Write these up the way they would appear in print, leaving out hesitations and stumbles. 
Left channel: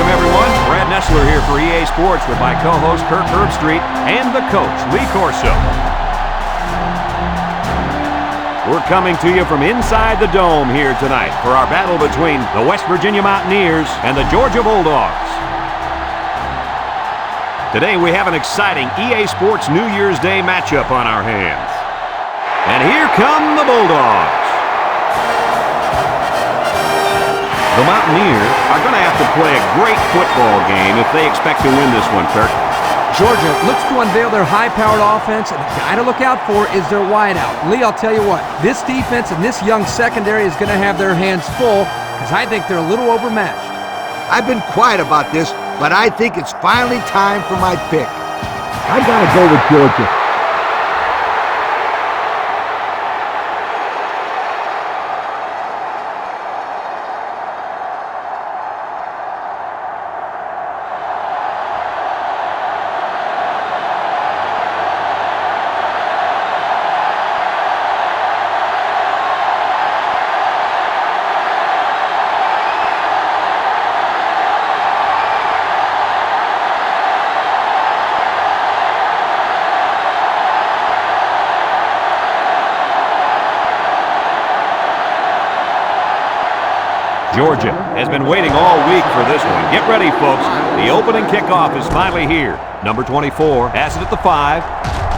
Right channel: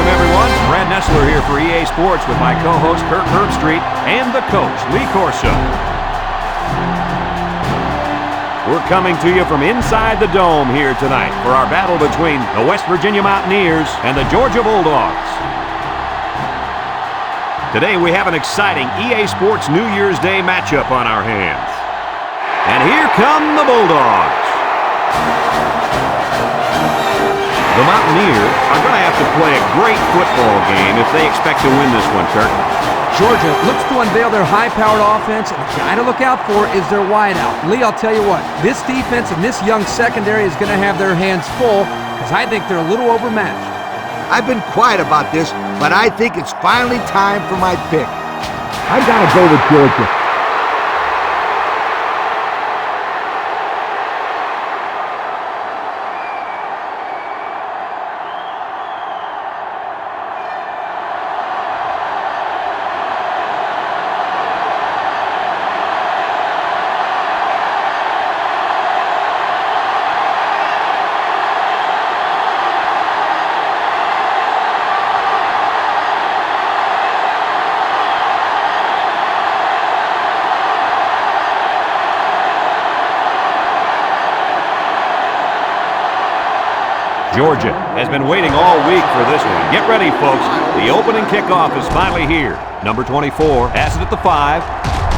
welcome everyone. Brad Nessler here for EA Sports with my co-host Kirk Herbstreit and the coach, Lee Corso. We're coming to you from inside the dome here tonight for our battle between the West Virginia Mountaineers and the Georgia Bulldogs. Today we have an exciting EA Sports New Year's Day matchup on our hands. And here come the Bulldogs. The Mountaineers are going to have to play a great football game if they expect to win this one, Kirk. Georgia looks to unveil their high-powered offense, and the guy to look out for is their wideout. Lee, I'll tell you what, this defense and this young secondary is going to have their hands full because I think they're a little overmatched. I've been quiet about this, but I think it's finally time for my pick. I got to go with Georgia. Georgia has been waiting all week for this one. Get ready, folks. The opening kickoff is finally here. Number 24 has it at the 5,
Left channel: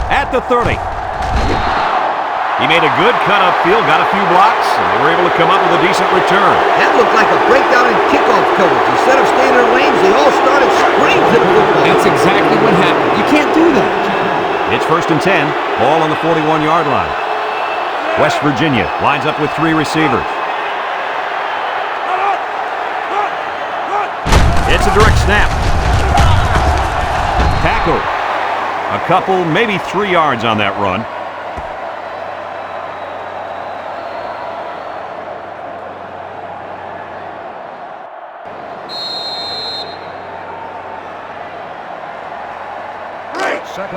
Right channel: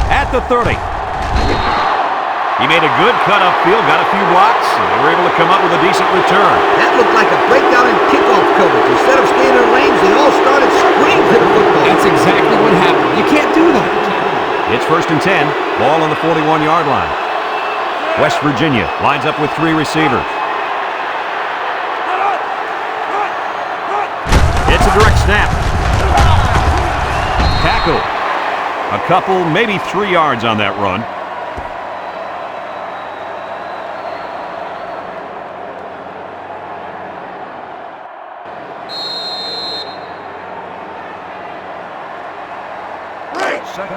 at the 30. He made a good cut upfield, got a few blocks, and they were able to come up with a decent return. That looked like a breakdown in kickoff coverage. Instead of staying in their lanes, they all started sprinting to the football. That's exactly what happened. You can't do that. It's 1st and 10, ball on the 41-yard line. West Virginia lines up with 3 receivers. It's a direct snap. Tackle. A couple, maybe 3 yards on that run.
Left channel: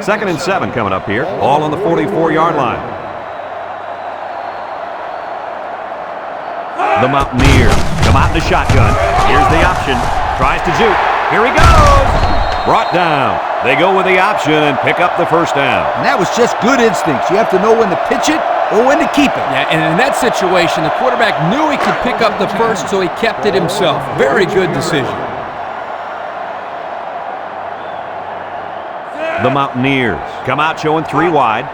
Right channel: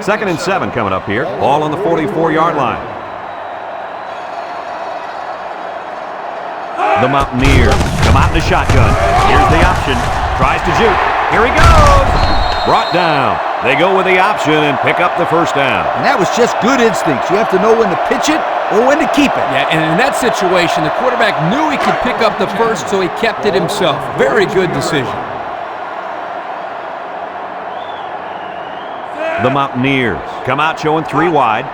Second and 7 coming up here. Ball on the 44-yard line. The Mountaineers come out in the shotgun. Here's the option. Tries to juke. Here he goes. Brought down. They go with the option and pick up the first down. And that was just good instincts. You have to know when to pitch it or when to keep it. Yeah, and in that situation, the quarterback knew he could pick up the first, so he kept it himself. Very good decision. The Mountaineers come out showing 3 wide.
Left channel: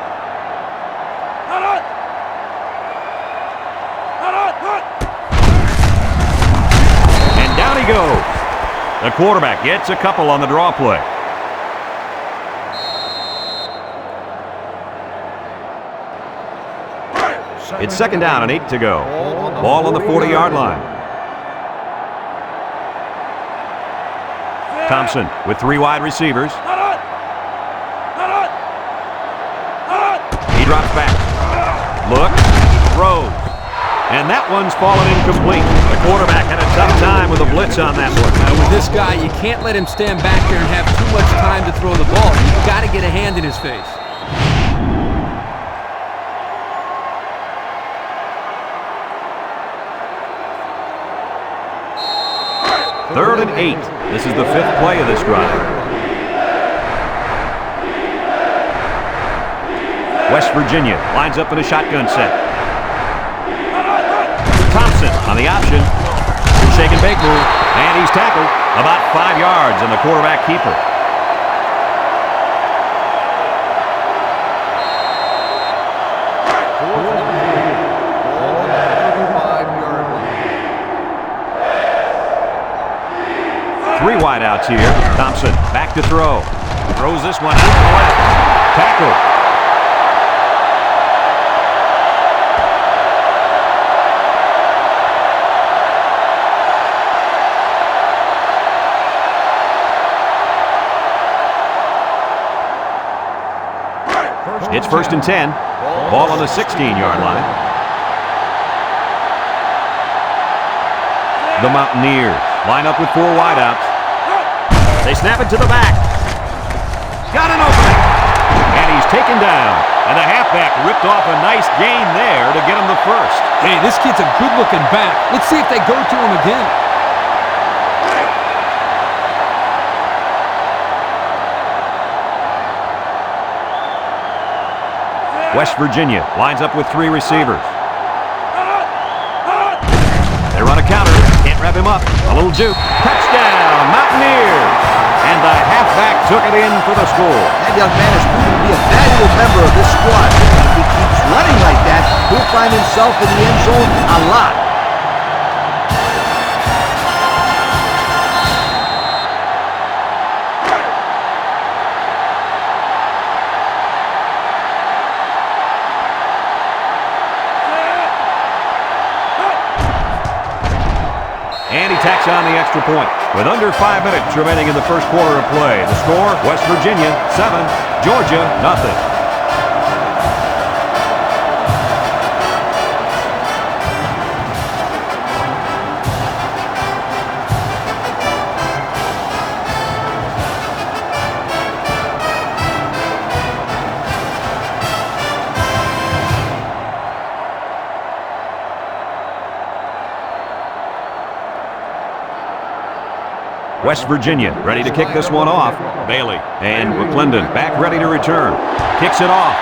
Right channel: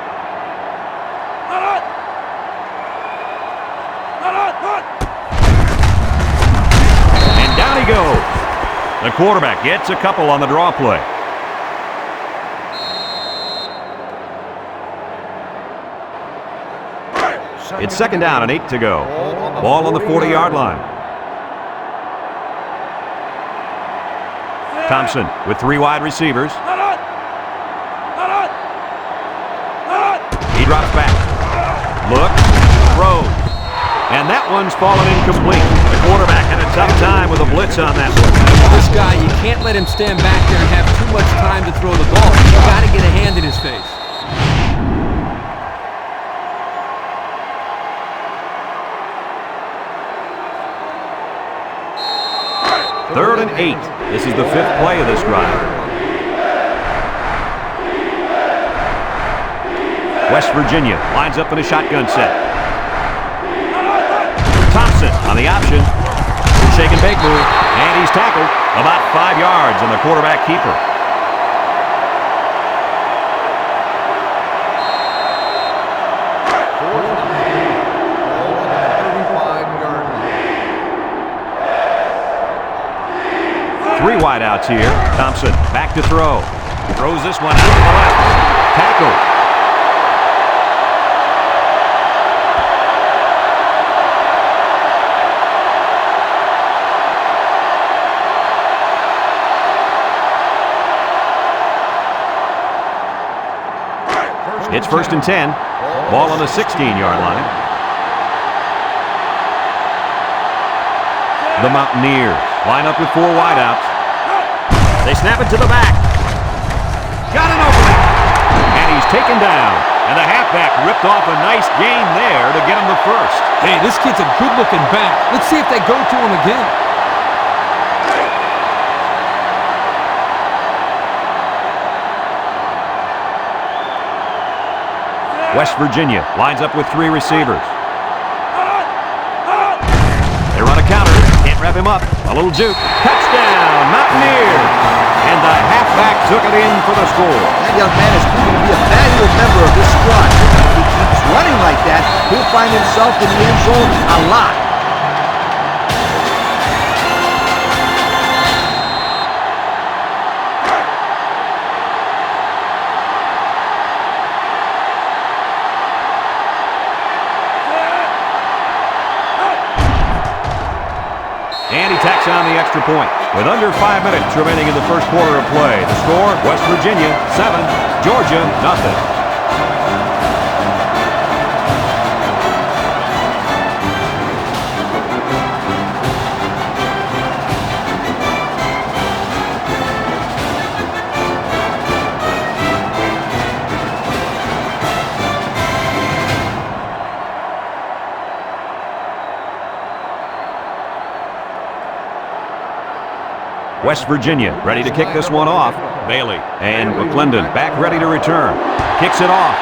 And down he goes. The quarterback gets a couple on the draw play. It's 2nd down and 8 to go. Ball on the 40-yard line. Thompson with 3 wide receivers. He drops back. Look, throws. And that one's fallen incomplete. The quarterback had a tough time with a blitz on that one. With this guy, you can't let him stand back there and have too much time to throw the ball. You've got to get a hand in his face. Third and 8. This is the 5th play of this drive. West Virginia lines up in a shotgun set. Thompson on the option. Shake and bake move. And he's tackled about 5 yards on the quarterback keeper. Fourth and 3. Ball on the 35-yard line. 3 wideouts here. Thompson back to throw. Throws this one out to the left. Tackle. It's 1st and 10. Ball on the 16-yard line. The Mountaineers line up with 4 wideouts. They snap it to the back. Got an opening. And he's taken down. And the halfback ripped off a nice gain there to get him the first. Hey, this kid's a good-looking back. Let's see if they go to him again. West Virginia lines up with 3 receivers. They run a counter. Can't wrap him up. A little juke. Touchdown, Mountaineers. And the halfback took it in for the score. That young man is proven to be a valuable member of this squad. If he keeps running like that, he'll find himself in the end zone a lot. And he tacks on the extra point. With under 5 minutes remaining in the first quarter of play, the score, West Virginia 7, Georgia nothing. West Virginia ready to kick this one off. Bailey and McClendon back ready to return. Kicks it off.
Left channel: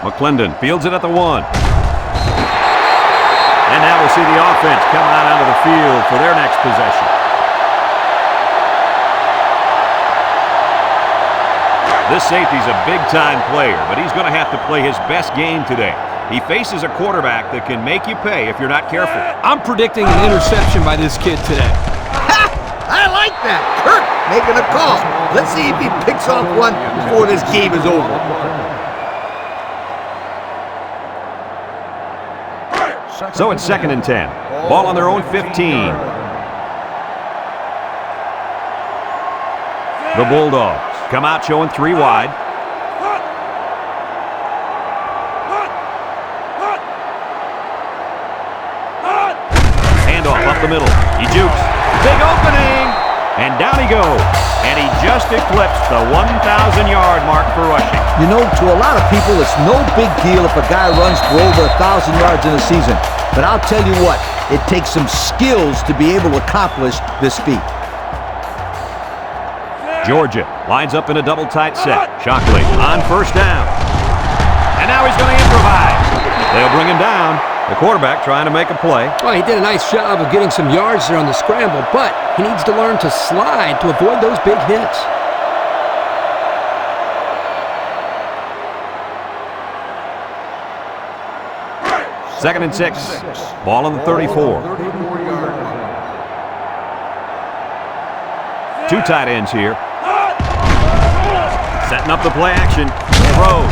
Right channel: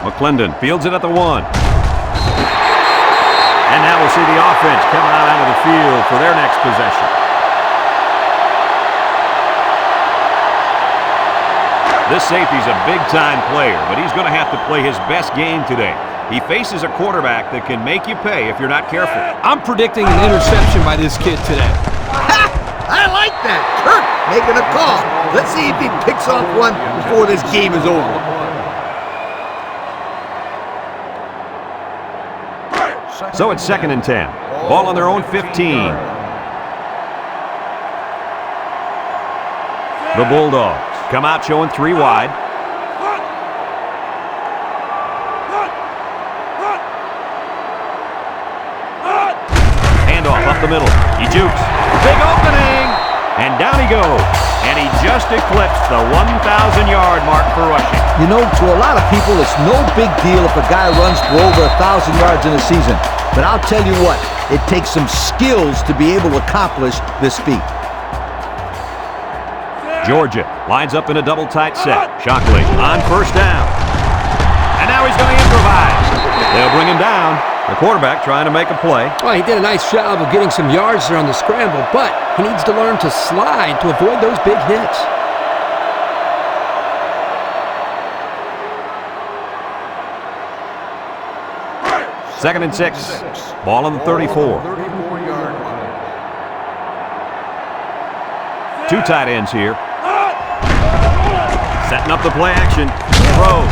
McClendon fields it at the 1. And now we'll see the offense come out onto the field for their next possession. This safety's a big-time player, but he's going to have to play his best game today. He faces a quarterback that can make you pay if you're not careful. I'm predicting an interception by this kid today. Ha! I like that. Kurt making a call. Let's see if he picks off one before this game is over. So it's 2nd and 10. Ball on their own 15. The Bulldogs come out showing 3 wide. Handoff up the middle. He jukes. Big opening! And down he goes. And he just eclipsed the 1,000-yard mark for rushing. You know, to a lot of people, it's no big deal if a guy runs for over 1,000 yards in a season. But I'll tell you what, it takes some skills to be able to accomplish this feat. Georgia lines up in a double tight set. Shockley on first down. And now he's going to improvise. They'll bring him down. The quarterback trying to make a play. Well, he did a nice job of getting some yards there on the scramble, but he needs to learn to slide to avoid those big hits. Second and 6. Ball on the 34. 34-yard line. 2 tight ends here. Setting up the play action. Throws.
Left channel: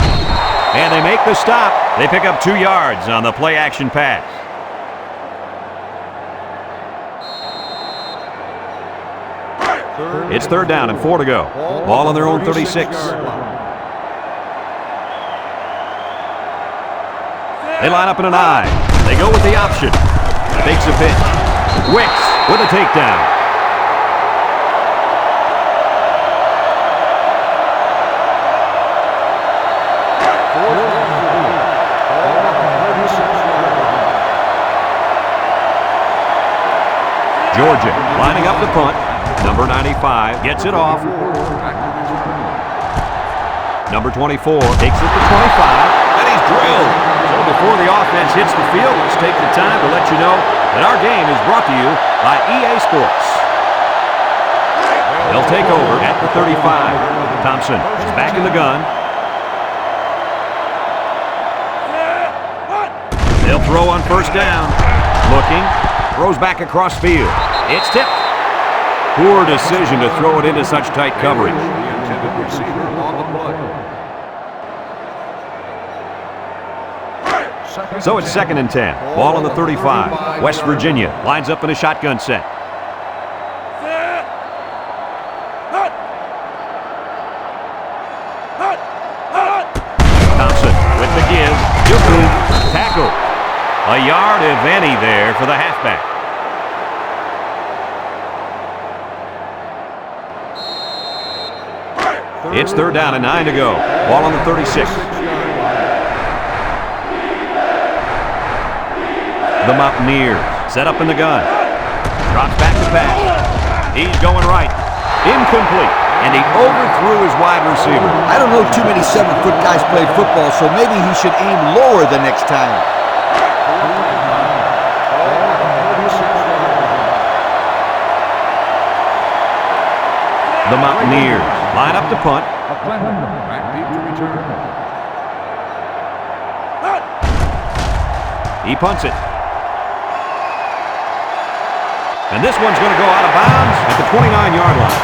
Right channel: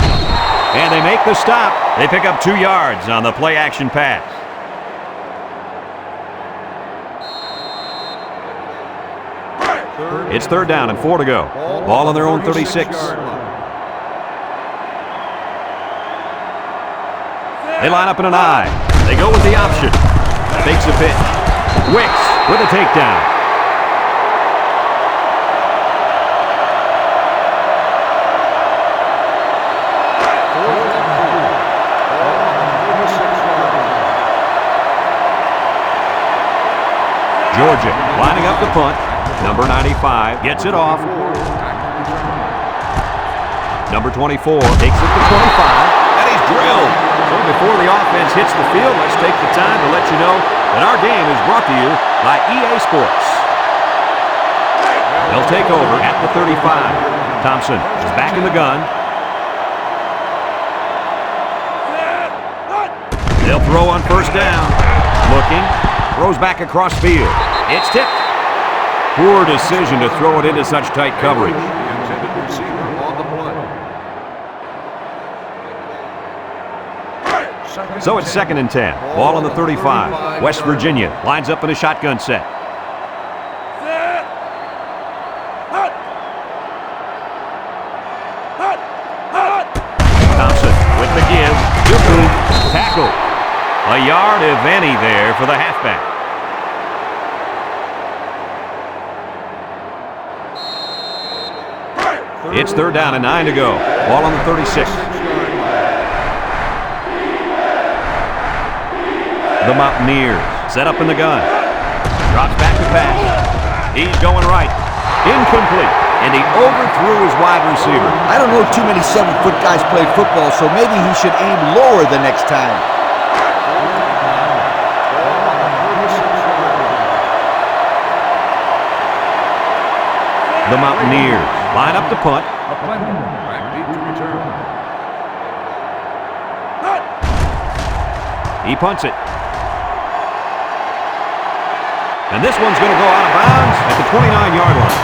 And they make the stop. They pick up 2 yards on the play action pass. It's 3rd down and 4 to go. Ball on their own 36. They line up in an I. They go with the option. Takes a pitch. Wicks with a takedown. Georgia lining up the punt. Number 95 gets it off. Number 24 takes it to 25, and he's drilled. So before the offense hits the field, let's take the time to let you know that our game is brought to you by EA Sports. They'll take over at the 35. Thompson is back in the gun. They'll throw on first down. Looking. Throws back across field. It's tipped. Poor decision to throw it into such tight coverage. The intended receiver on the play. So it's 2nd and 10. Ball on the 35. West Virginia lines up in a shotgun set. Thompson with the give. Tackle. A yard, if any, there for the halfback. It's 3rd down and 9 to go. Ball on the 36. The Mountaineers set up in the gun. Drops back to pass. He's going right. Incomplete. and he overthrew his wide receiver. I don't know too many 7-foot guys play football, so maybe he should aim lower the next time. 4th and 9. Ball on the 36-yard line. The Mountaineers line up to punt. McClendon back deep to return. He punts it. And this one's going to go out of bounds at the 29-yard line.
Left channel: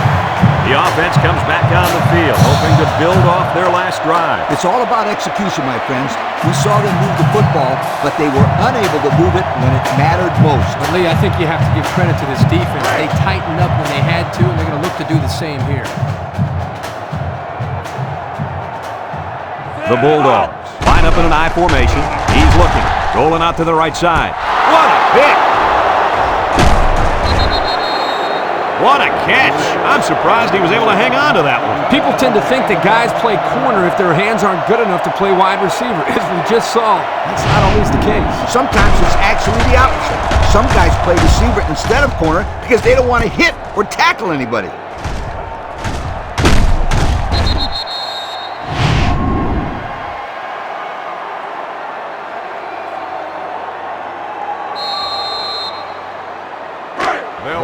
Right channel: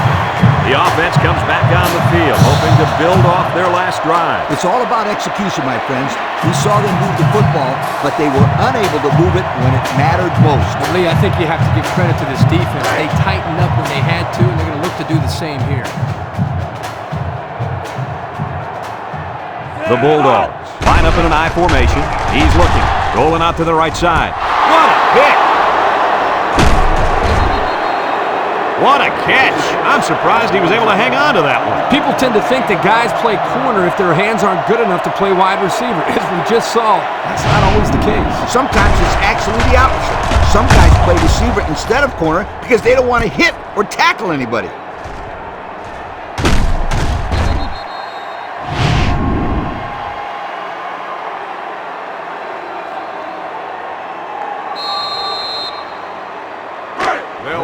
The offense comes back on the field, hoping to build off their last drive. It's all about execution, my friends. We saw them move the football, but they were unable to move it when it mattered most. But Lee, I think you have to give credit to this defense. They tightened up when they had to, and they're going to look to do the same here. The Bulldogs line up in an I formation. He's looking, rolling out to the right side. What a pick! What a catch! I'm surprised he was able to hang on to that one. People tend to think that guys play corner if their hands aren't good enough to play wide receiver. As we just saw, that's not always the case. Sometimes it's actually the opposite. Some guys play receiver instead of corner because they don't want to hit or tackle anybody.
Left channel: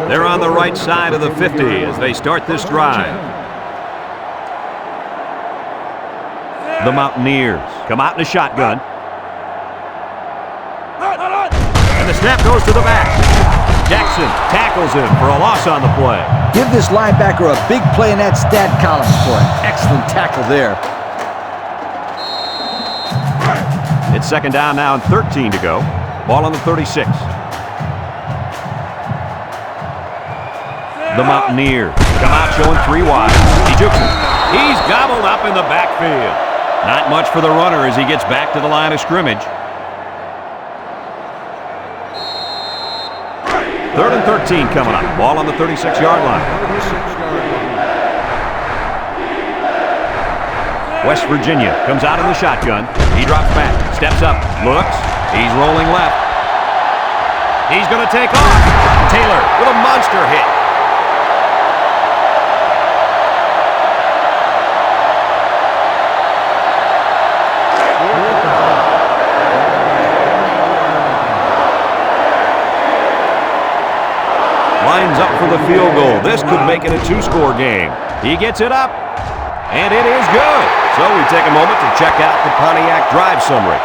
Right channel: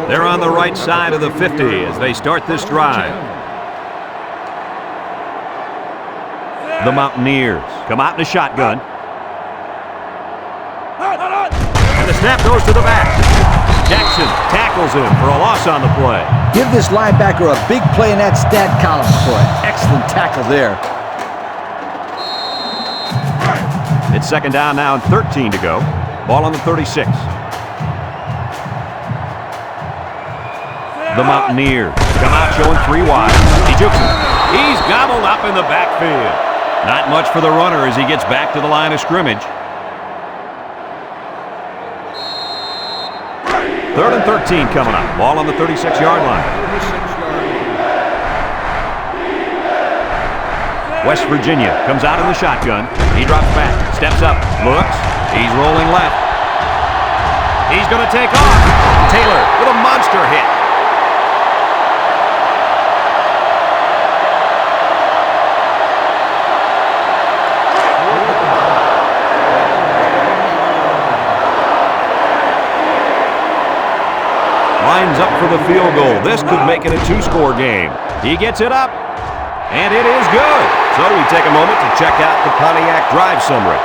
They're on the right side of the 50 as they start this drive. The Mountaineers come out in a shotgun. And the snap goes to the back. Jackson tackles him for a loss on the play. Give this linebacker a big play in that stat column for an excellent tackle there. It's second down now and 13 to go. Ball on the 36. The Mountaineers come out showing 3 wide. He jukes him. He's gobbled up in the backfield. Not much for the runner as he gets back to the line of scrimmage. 3rd and 13 coming up. Ball on the 36-yard line. 36-yard line. West Virginia comes out in the shotgun. He drops back, steps up, looks. He's rolling left. He's going to take off. Taylor with a monster hit. Lines up for the field goal. This could make it a 2-score game. He gets it up, and it is good. So we take a moment to check out the Pontiac drive summary.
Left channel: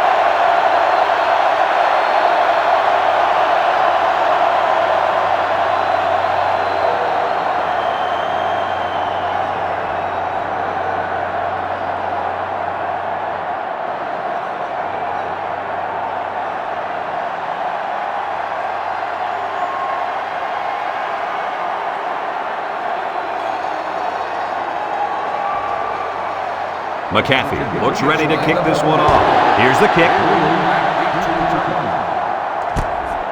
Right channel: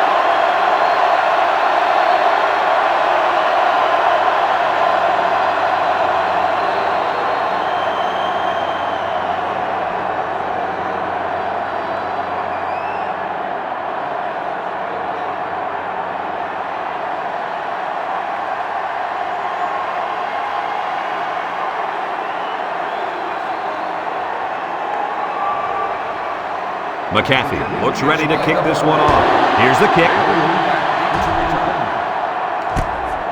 McAfee looks ready to kick this one off. Here's the kick.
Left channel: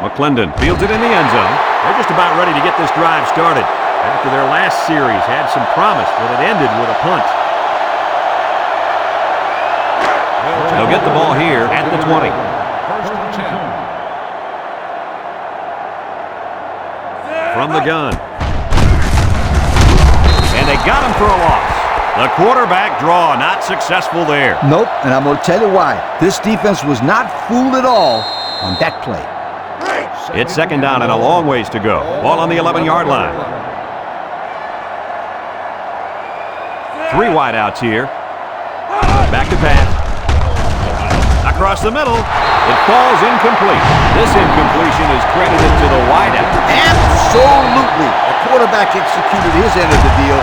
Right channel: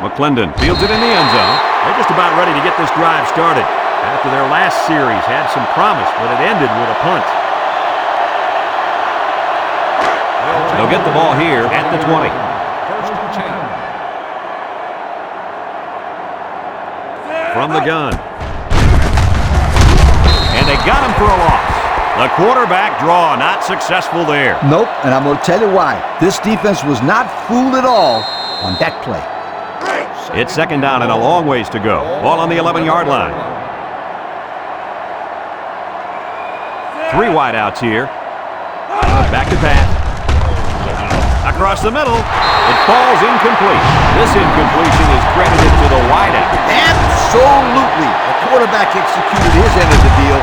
McClendon fields it in the end zone. They're just about ready to get this drive started. After their last series had some promise, but it ended with a punt. They'll get the ball here at the 20. 1st and 10. From the gun. And they got him for a loss. The quarterback draw not successful there. Nope, and I'm going to tell you why. This defense was not fooled at all on that play. It's second down and a long ways to go. Ball on the 11-yard line. 3 wideouts here. Back to pass. Across the middle. It falls incomplete. This incompletion is credited to the wideout. Absolutely. The quarterback executed his end of the deal.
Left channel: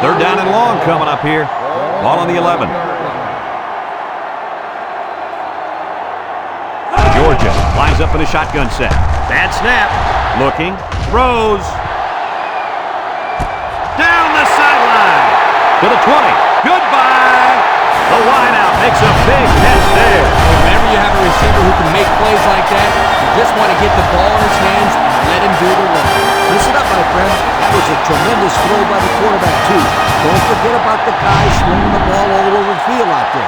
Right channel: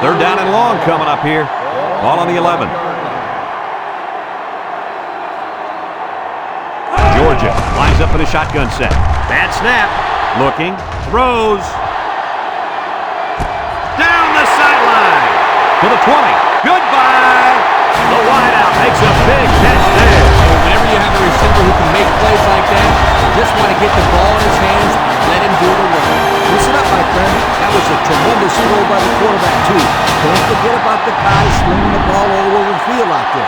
Third down and long coming up here. Ball on the 11. Georgia lines up in a shotgun set. Bad snap. Looking. Throws. Down the sideline. To the 20. Goodbye. The wideout makes a big catch there. Whenever you have a receiver who can make plays like that, you just want to get the ball in his hands and let him do the work. Listen up, my friend. That was a tremendous throw by the quarterback, too. Don't forget about the guys slinging the ball all over the field out there.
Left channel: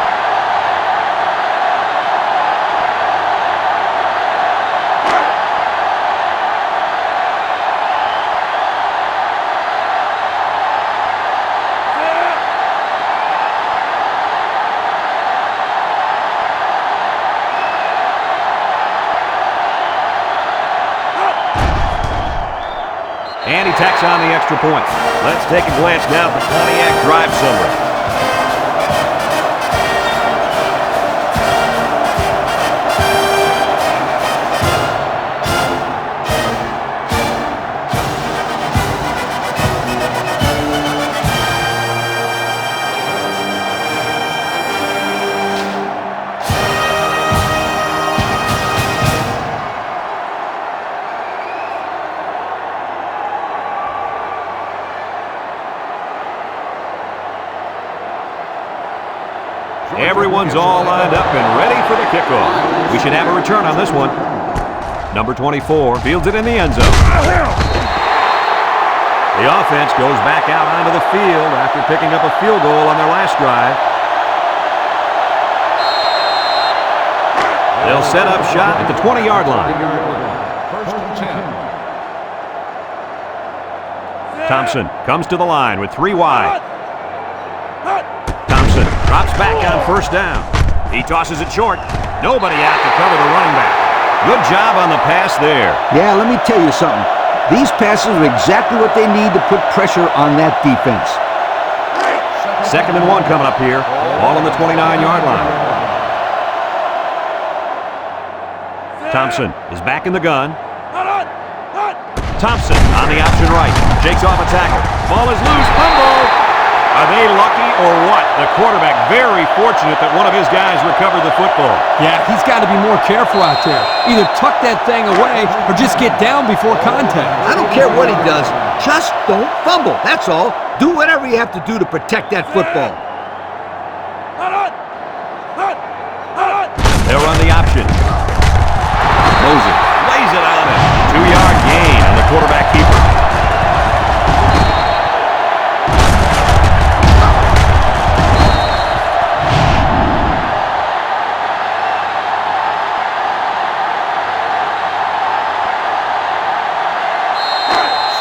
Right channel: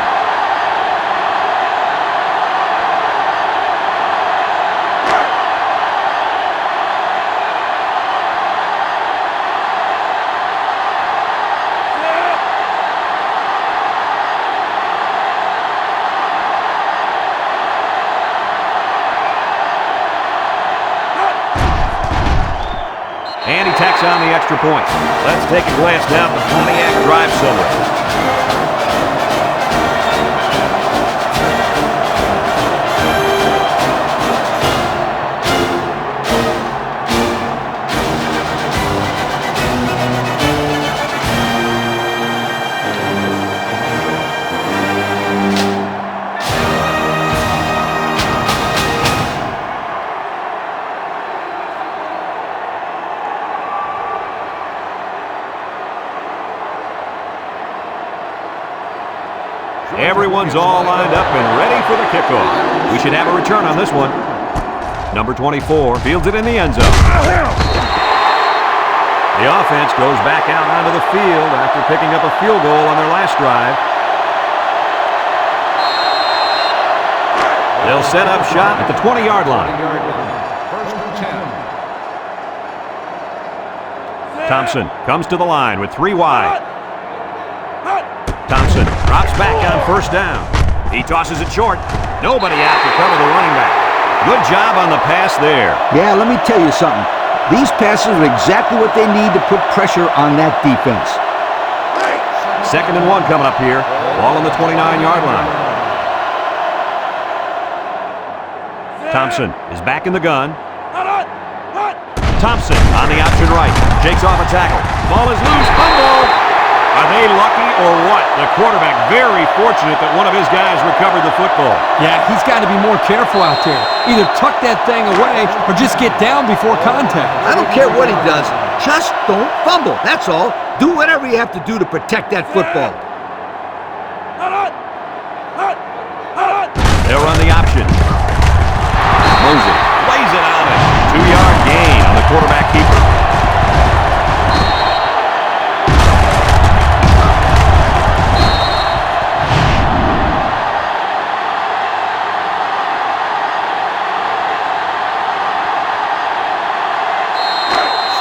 And he tacks on the extra point. Let's take a glance now at the Pontiac drive summary. Everyone's all lined up and ready for the kickoff. We should have a return on this one. Number 24 fields it in the end zone. The offense goes back out onto the field after picking up a field goal on their last drive. They'll set up shop at the 20-yard line. First and 10. Thompson comes to the line with 3 wide. Thompson drops back on first down. He tosses it short. Nobody out to cover the running back. Good job on the pass there. Yeah, let me tell you something. These passes are exactly what they need to put pressure on that defense. Second and 1 coming up here. Ball on the 29-yard line. Thompson is back in the gun. Thompson on the option right. Shakes off a tackle. Ball is loose. Fumble. Are they lucky or what? The quarterback very fortunate that one of his guys recovered the football. Yeah, he's got to be more careful out there. Either tuck that thing away or just get down before contact. I don't care what he does. Just don't fumble. That's all. Do whatever you have to do to protect that football. They'll run the option. Moses lays it on it. 2-yard gain on the quarterback keeper.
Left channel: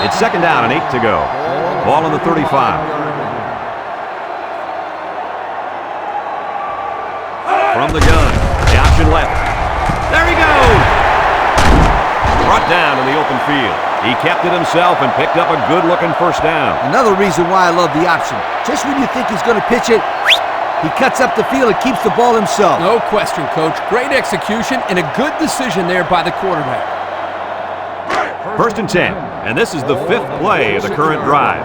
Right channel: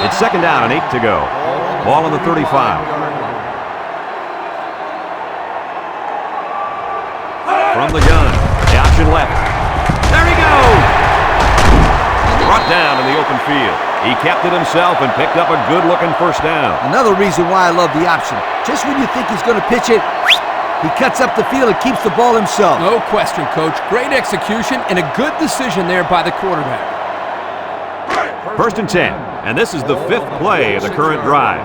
It's second down and 8 to go. Ball on the 35. From the gun, the option left. There he goes! Brought down in the open field. He kept it himself and picked up a good-looking first down. Another reason why I love the option. Just when you think he's going to pitch it, he cuts up the field and keeps the ball himself. No question, Coach. Great execution and a good decision there by the quarterback. First and 10, and this is the 5th play of the current drive.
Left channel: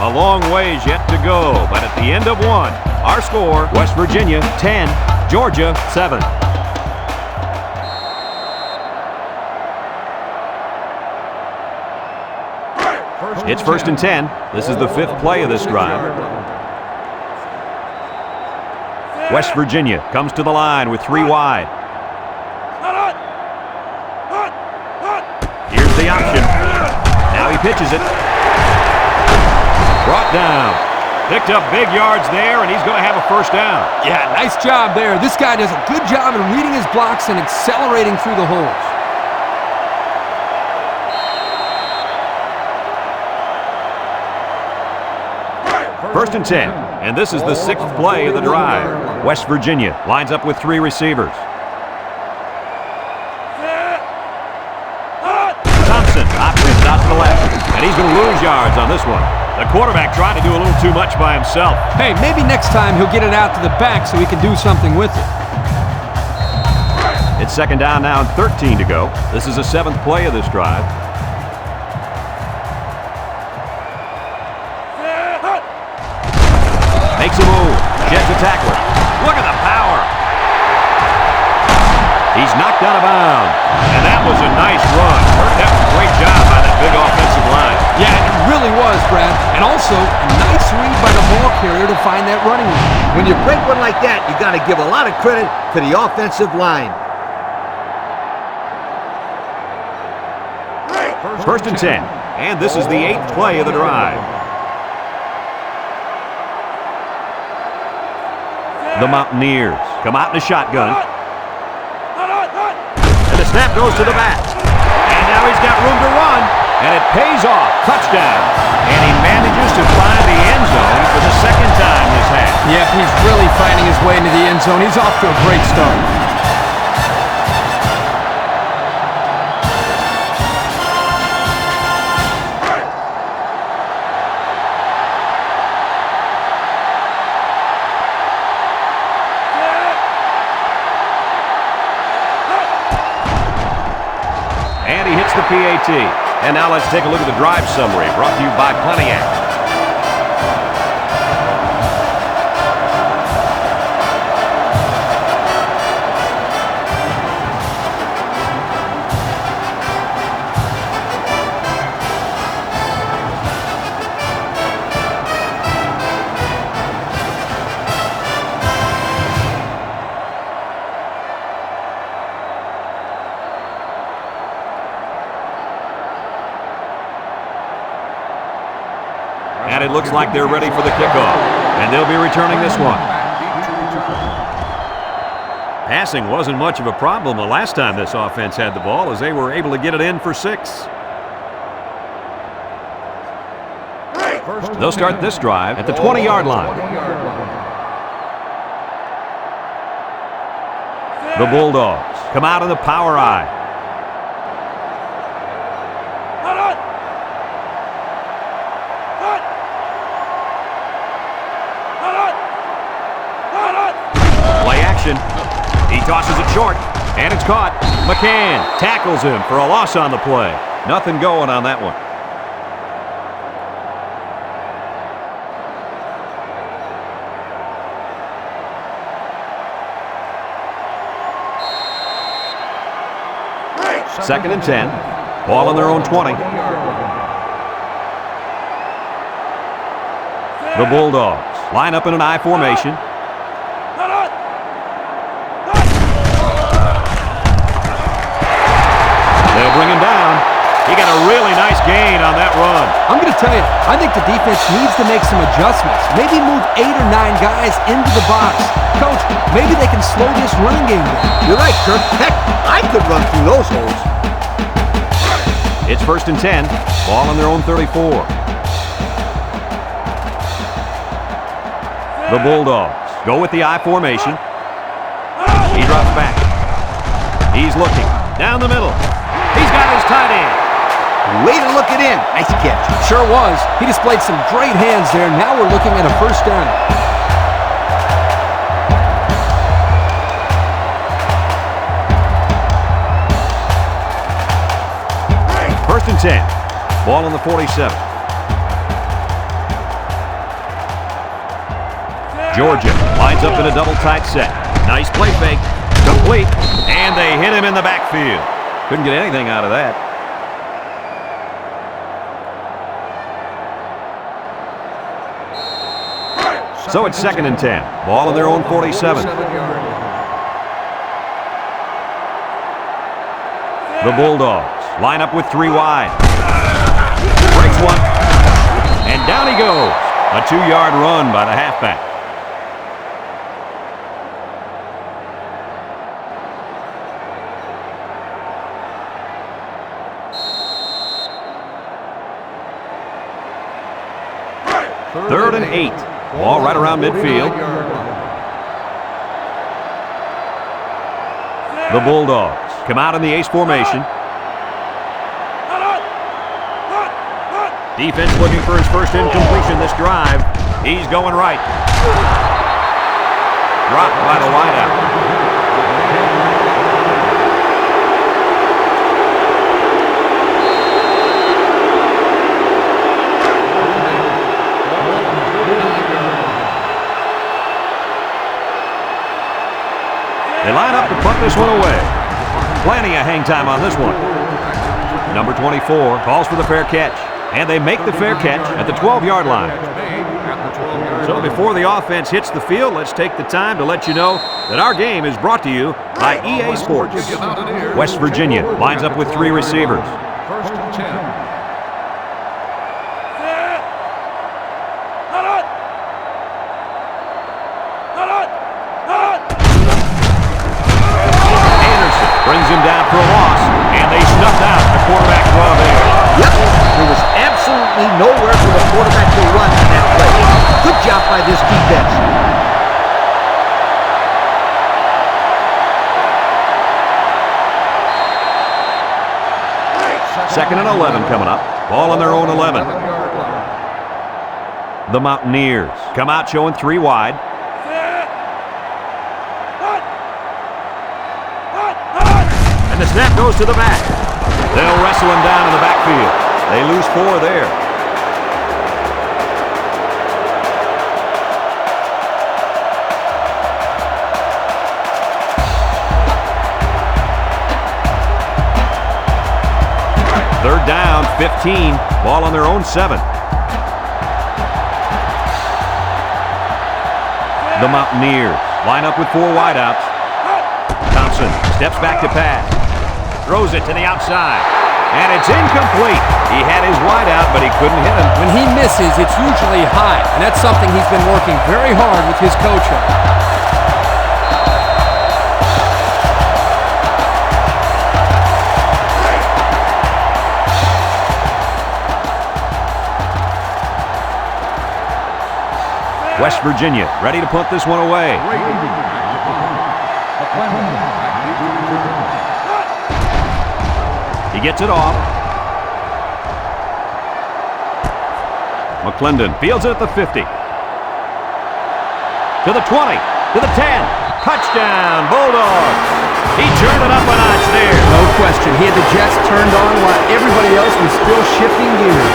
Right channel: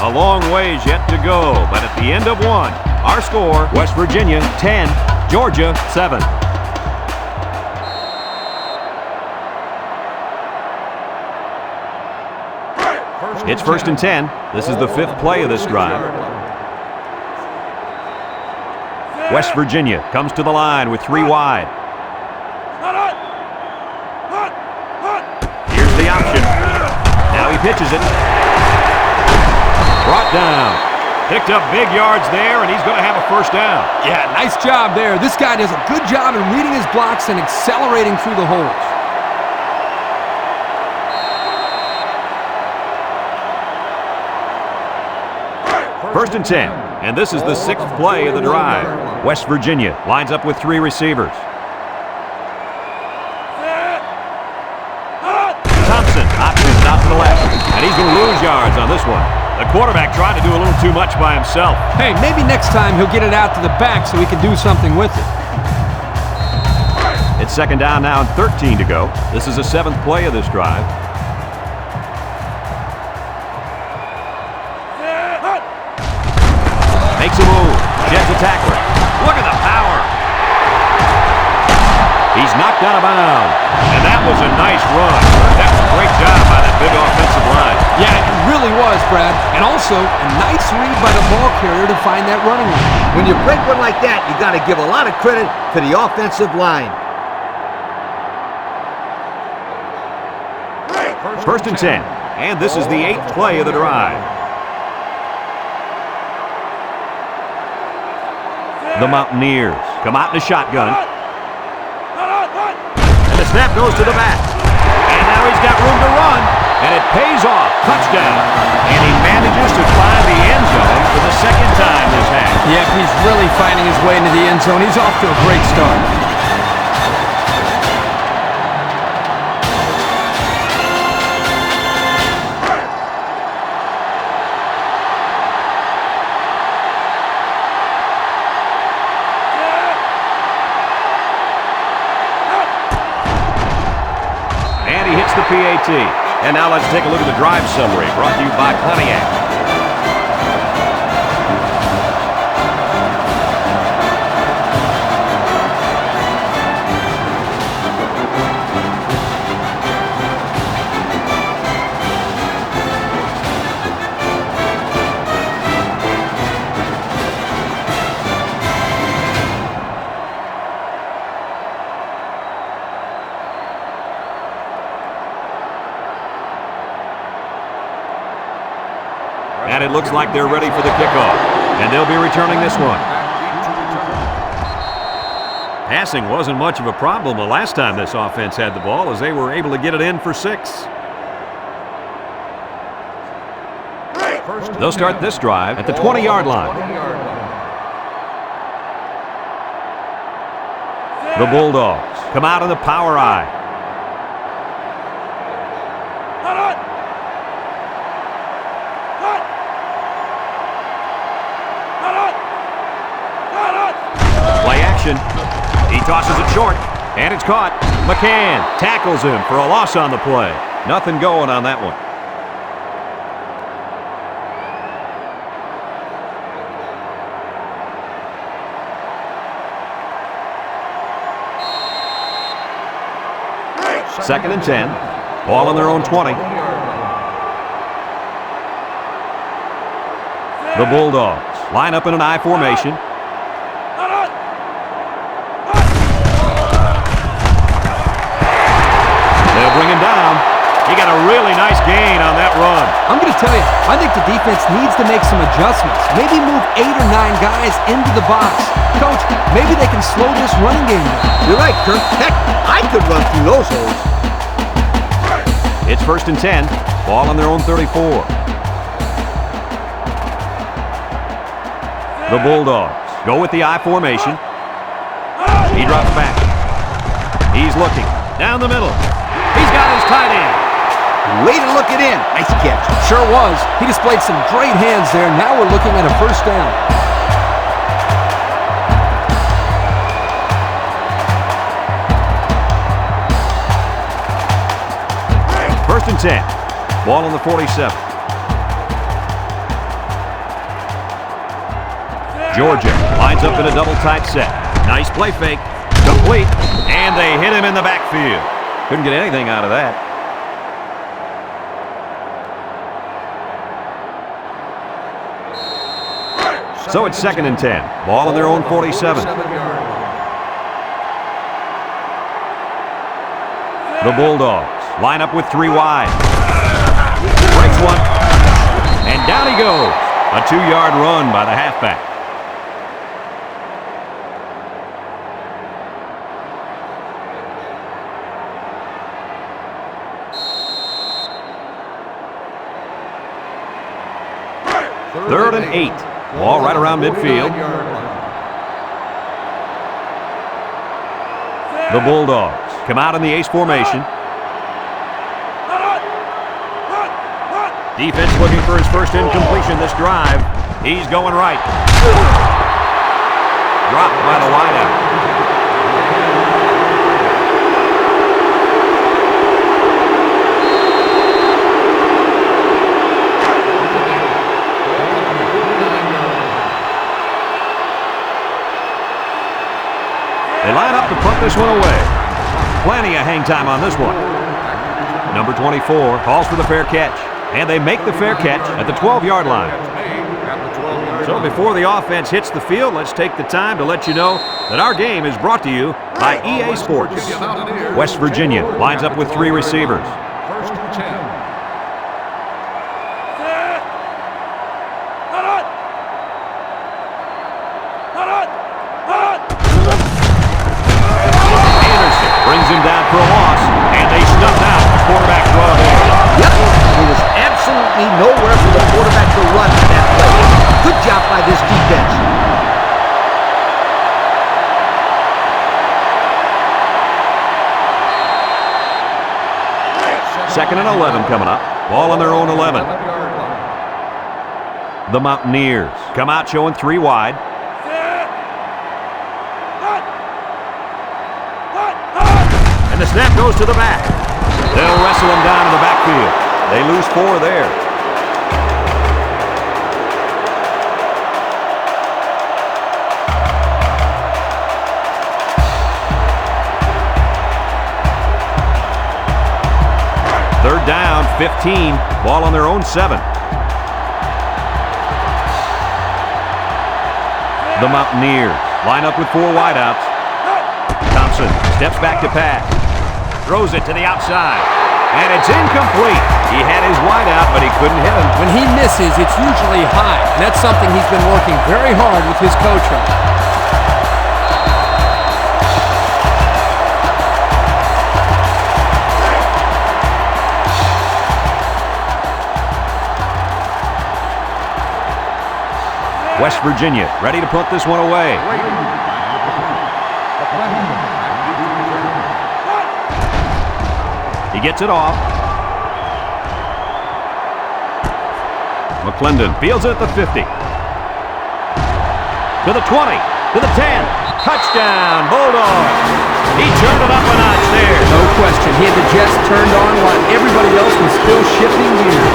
A long ways yet to go, but at the end of 1, our score, West Virginia 10, Georgia 7. It's first and 10. This is the 5th play of this drive. West Virginia comes to the line with 3 wide. Here's the option. Now he pitches it. Brought down. Picked up big yards there, and he's going to have a first down. Yeah, nice job there. This guy does a good job in reading his blocks and accelerating through the holes. First and 10, and this is the 6th play of the drive. West Virginia lines up with 3 receivers. Thompson options out to the left, and he's going to lose yards on this one. The quarterback tried to do a little too much by himself. Hey, maybe next time he'll get it out to the back so he can do something with it. It's second down now and 13 to go. This is the 7th play of this drive. Makes a move. Jets a tackler. Look at the power. He's knocked out of bounds. And that was a nice run. That was a great job by that big offensive line. Yeah, it really was, Brad. And also, a nice read by the ball carrier to find that running lane. When you break one like that, you got to give a lot of credit to the offensive line. First and 10. And this is the 8th play of the drive. The Mountaineers come out in a shotgun. And the snap goes to the back. And now he's got room to run. And it pays off. Touchdown. And he manages to find the end zone for the 2nd time this half. Yep, he's really finding his way into the end zone. He's off to a great start. And he hits the PAT. And now let's take a look at the drive summary brought to you by Pontiac. And it looks like they're ready for the kickoff. And they'll be returning this one. Passing wasn't much of a problem the last time this offense had the ball, as they were able to get it in for 6. They'll start this drive at the 20-yard line. The Bulldogs come out in the power I. Play action. He tosses it short, and it's caught. McCann tackles him for a loss on the play. Nothing going on that one. Second and 10. Ball on their own 20. The Bulldogs line up in an I formation. They'll bring him down. He got a really nice gain on that run. I'm going to tell you, I think the defense needs to make some adjustments. Maybe move 8 or 9 guys into the box. Coach, maybe they can slow this running game down. You're right, Kirk. Heck, I could run through those holes. It's first and 10. Ball on their own 34. The Bulldogs go with the I formation. He drops back. He's looking down the middle. He's got his tight end. Way to look it in. Nice catch. Sure was. He displayed some great hands there. Now we're looking at a first down. First and 10. Ball on the 47. Georgia lines up in a double tight set. Nice play fake. Complete. And they hit him in the backfield. Couldn't get anything out of that. So it's second and 10. Ball on their own 47. The Bulldogs line up with 3 wide. Breaks one. And down he goes. A 2-yard run by the halfback. Third and 8. Ball right around midfield. The Bulldogs come out in the ace formation. Defense looking for his first incompletion this drive. He's going right. Dropped by the wideout. They line up to punt this one away. Plenty of hang time on this one. Number 24 calls for the fair catch. And they make the fair catch at the 12-yard line. So before the offense hits the field, let's take the time to let you know that our game is brought to you by EA Sports. West Virginia lines up with 3 receivers. First and 10. Anderson brings him down for a loss, and they snuffed out the quarterback draw there. Yep, there was absolutely nowhere for the quarterback to run in that play. Good job by this defense. Second and 11 coming up. Ball on their own 11. The Mountaineers come out showing 3 wide. And the snap goes to the back. They'll wrestle him down in the backfield. They lose 4 there. Third down, 15. Ball on their own 7. The Mountaineers line up with 4 wideouts. Thompson steps back to pass. Throws it to the outside. And it's incomplete. He had his wideout, but he couldn't hit him. When he misses, it's usually high, and that's something he's been working very hard with his coach on. West Virginia ready to punt this one away. Brady back to punt. McClendon back deep to return. He gets it off. McClendon fields it at the 50. To the 20. To the 10. Touchdown, Bulldogs. He turned it up a notch there. No question. He had the Jets turned on while everybody else was still shifting gears.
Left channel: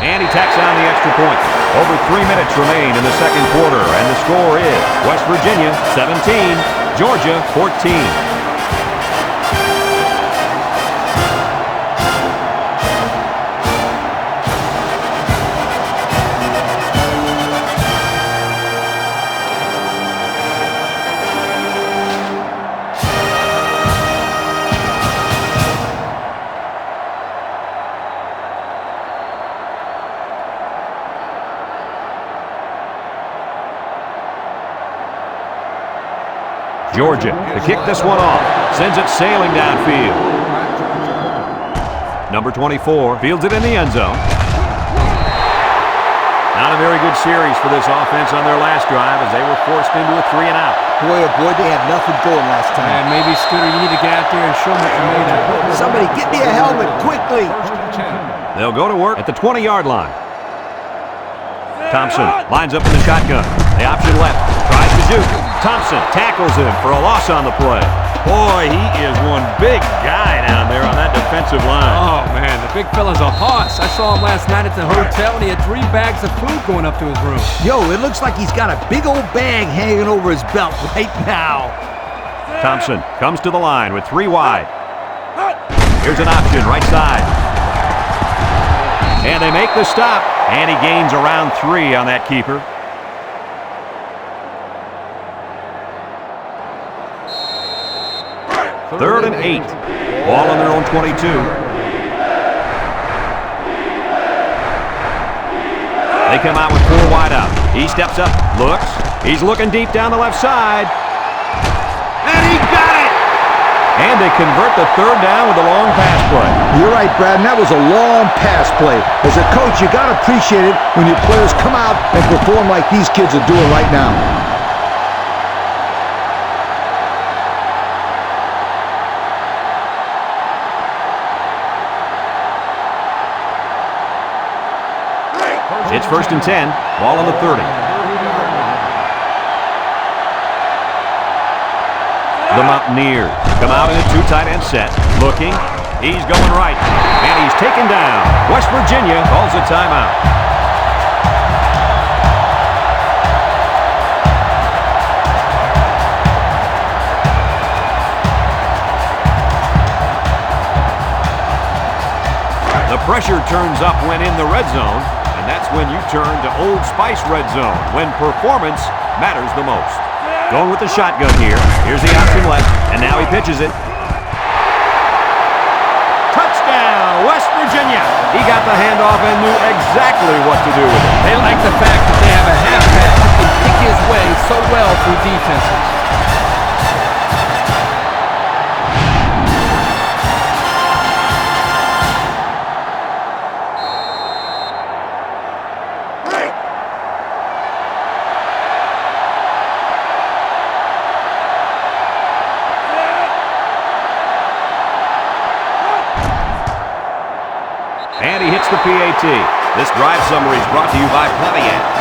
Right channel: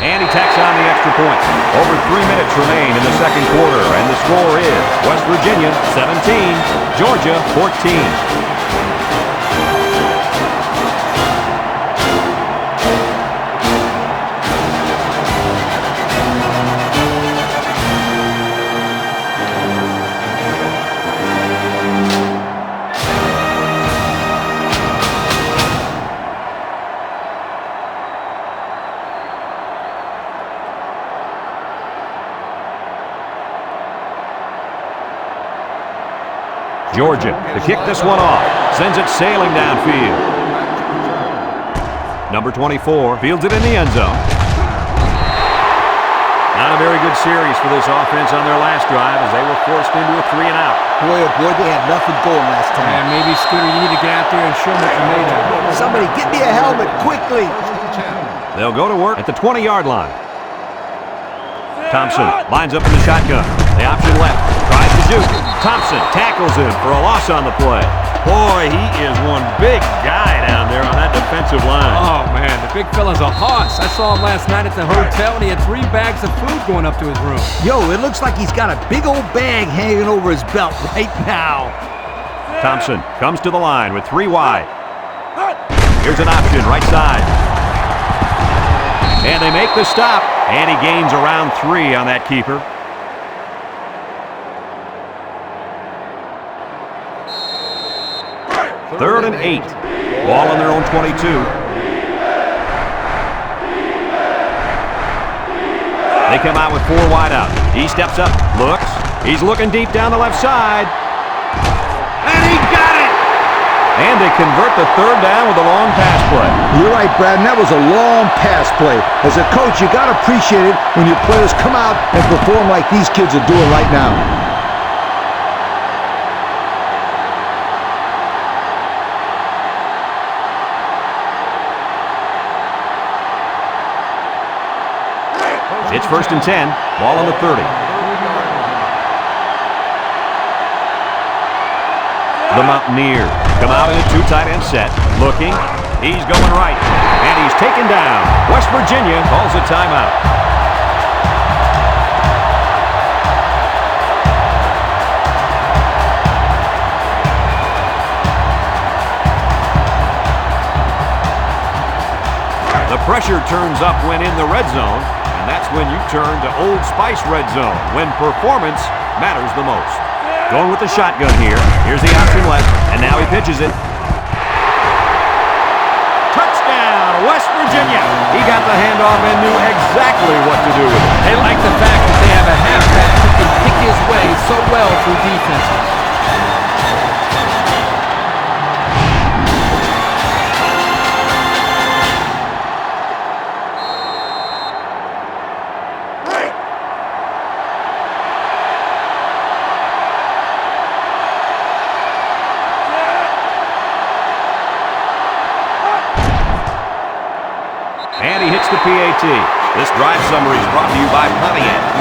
And he tacks on the extra point. Over 3 minutes remain in the second quarter, and the score is West Virginia 17, Georgia 14. Georgia to kick this one off. Sends it sailing downfield. Number 24 fields it in the end zone. Not a very good series for this offense on their last drive as they were forced into a 3-and-out. Boy, oh boy, they had nothing going last time. Man, maybe, Scooter, you need to get out there and show them what you're made of. Somebody get me a helmet, quickly. First and 10. They'll go to work at the 20-yard line. Thompson lines up in the shotgun. The option left. Tries to shoot. Thompson tackles him for a loss on the play. Boy, he is one big guy down there on that defensive line. Oh, man, the big fella's a hoss. I saw him last night at the hotel, and he had 3 bags of food going up to his room. Yo, it looks like he's got a big old bag hanging over his belt right now. Thompson comes to the line with 3 wide. Here's an option right side. And they make the stop, and he gains around 3 on that keeper. Third and 8. Ball on their own 22. They come out with 4 wide out. He steps up, looks. He's looking deep down the left side. And he got it! And they convert the 3rd down with a long pass play. You're right, Brad, and that was a long pass play. As a coach, you got to appreciate it when your players come out and perform like these kids are doing right now. It's first and 10. Ball on the 30. 30-yard line. The Mountaineers come out in a 2 tight end set. Looking. He's going right. And he's taken down. West Virginia calls a timeout. The pressure turns up when in the red zone. And that's when you turn to Old Spice Red Zone, when performance matters the most. Going with the shotgun here. Here's the option left, and now he pitches it. Touchdown, West Virginia. He got the handoff and knew exactly what to do with it. They like the fact that they have a halfback who can pick his way so well through defenses. the PAT. This drive summary is brought to you by Pontiac.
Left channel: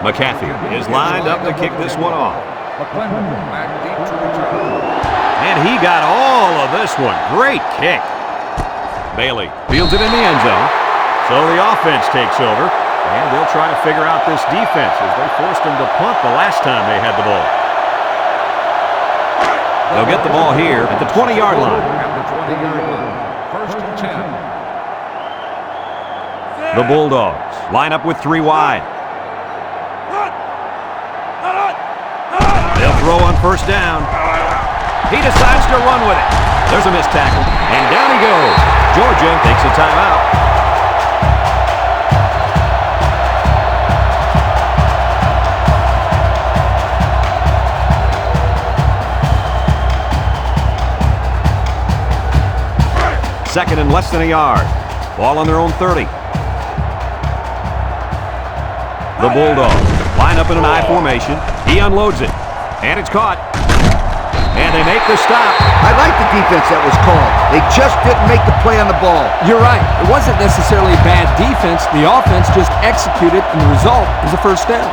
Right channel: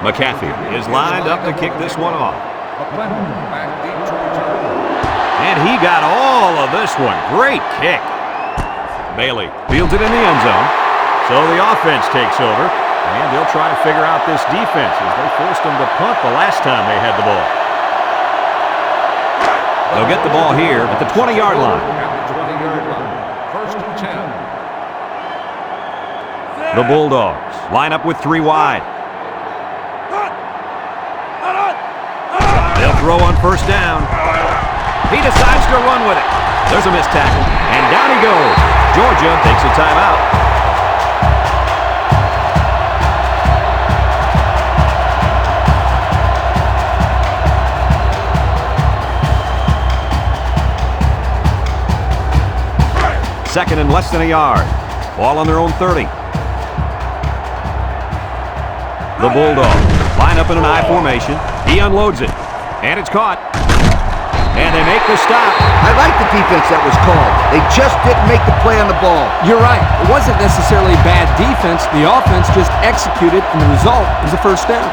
McAfee is lined up to kick this one off. McClendon back deep to return. And he got all of this one. Great kick. Bailey fields it in the end zone. So the offense takes over, and they'll try to figure out this defense as they forced them to punt the last time they had the ball. They'll get the ball here at the 20-yard line. At the 20-yard line. 1st and 10. The Bulldogs line up with 3 wide. They'll throw on 1st down. He decides to run with it. There's a missed tackle, and down he goes. Georgia takes a timeout. Second and less than a yard. Ball on their own 30. The Bulldogs line up in an I formation. He unloads it. And it's caught. And they make the stop. I like the defense that was called. They just didn't make the play on the ball. You're right. It wasn't necessarily bad defense. The offense just executed, and the result is a 1st down.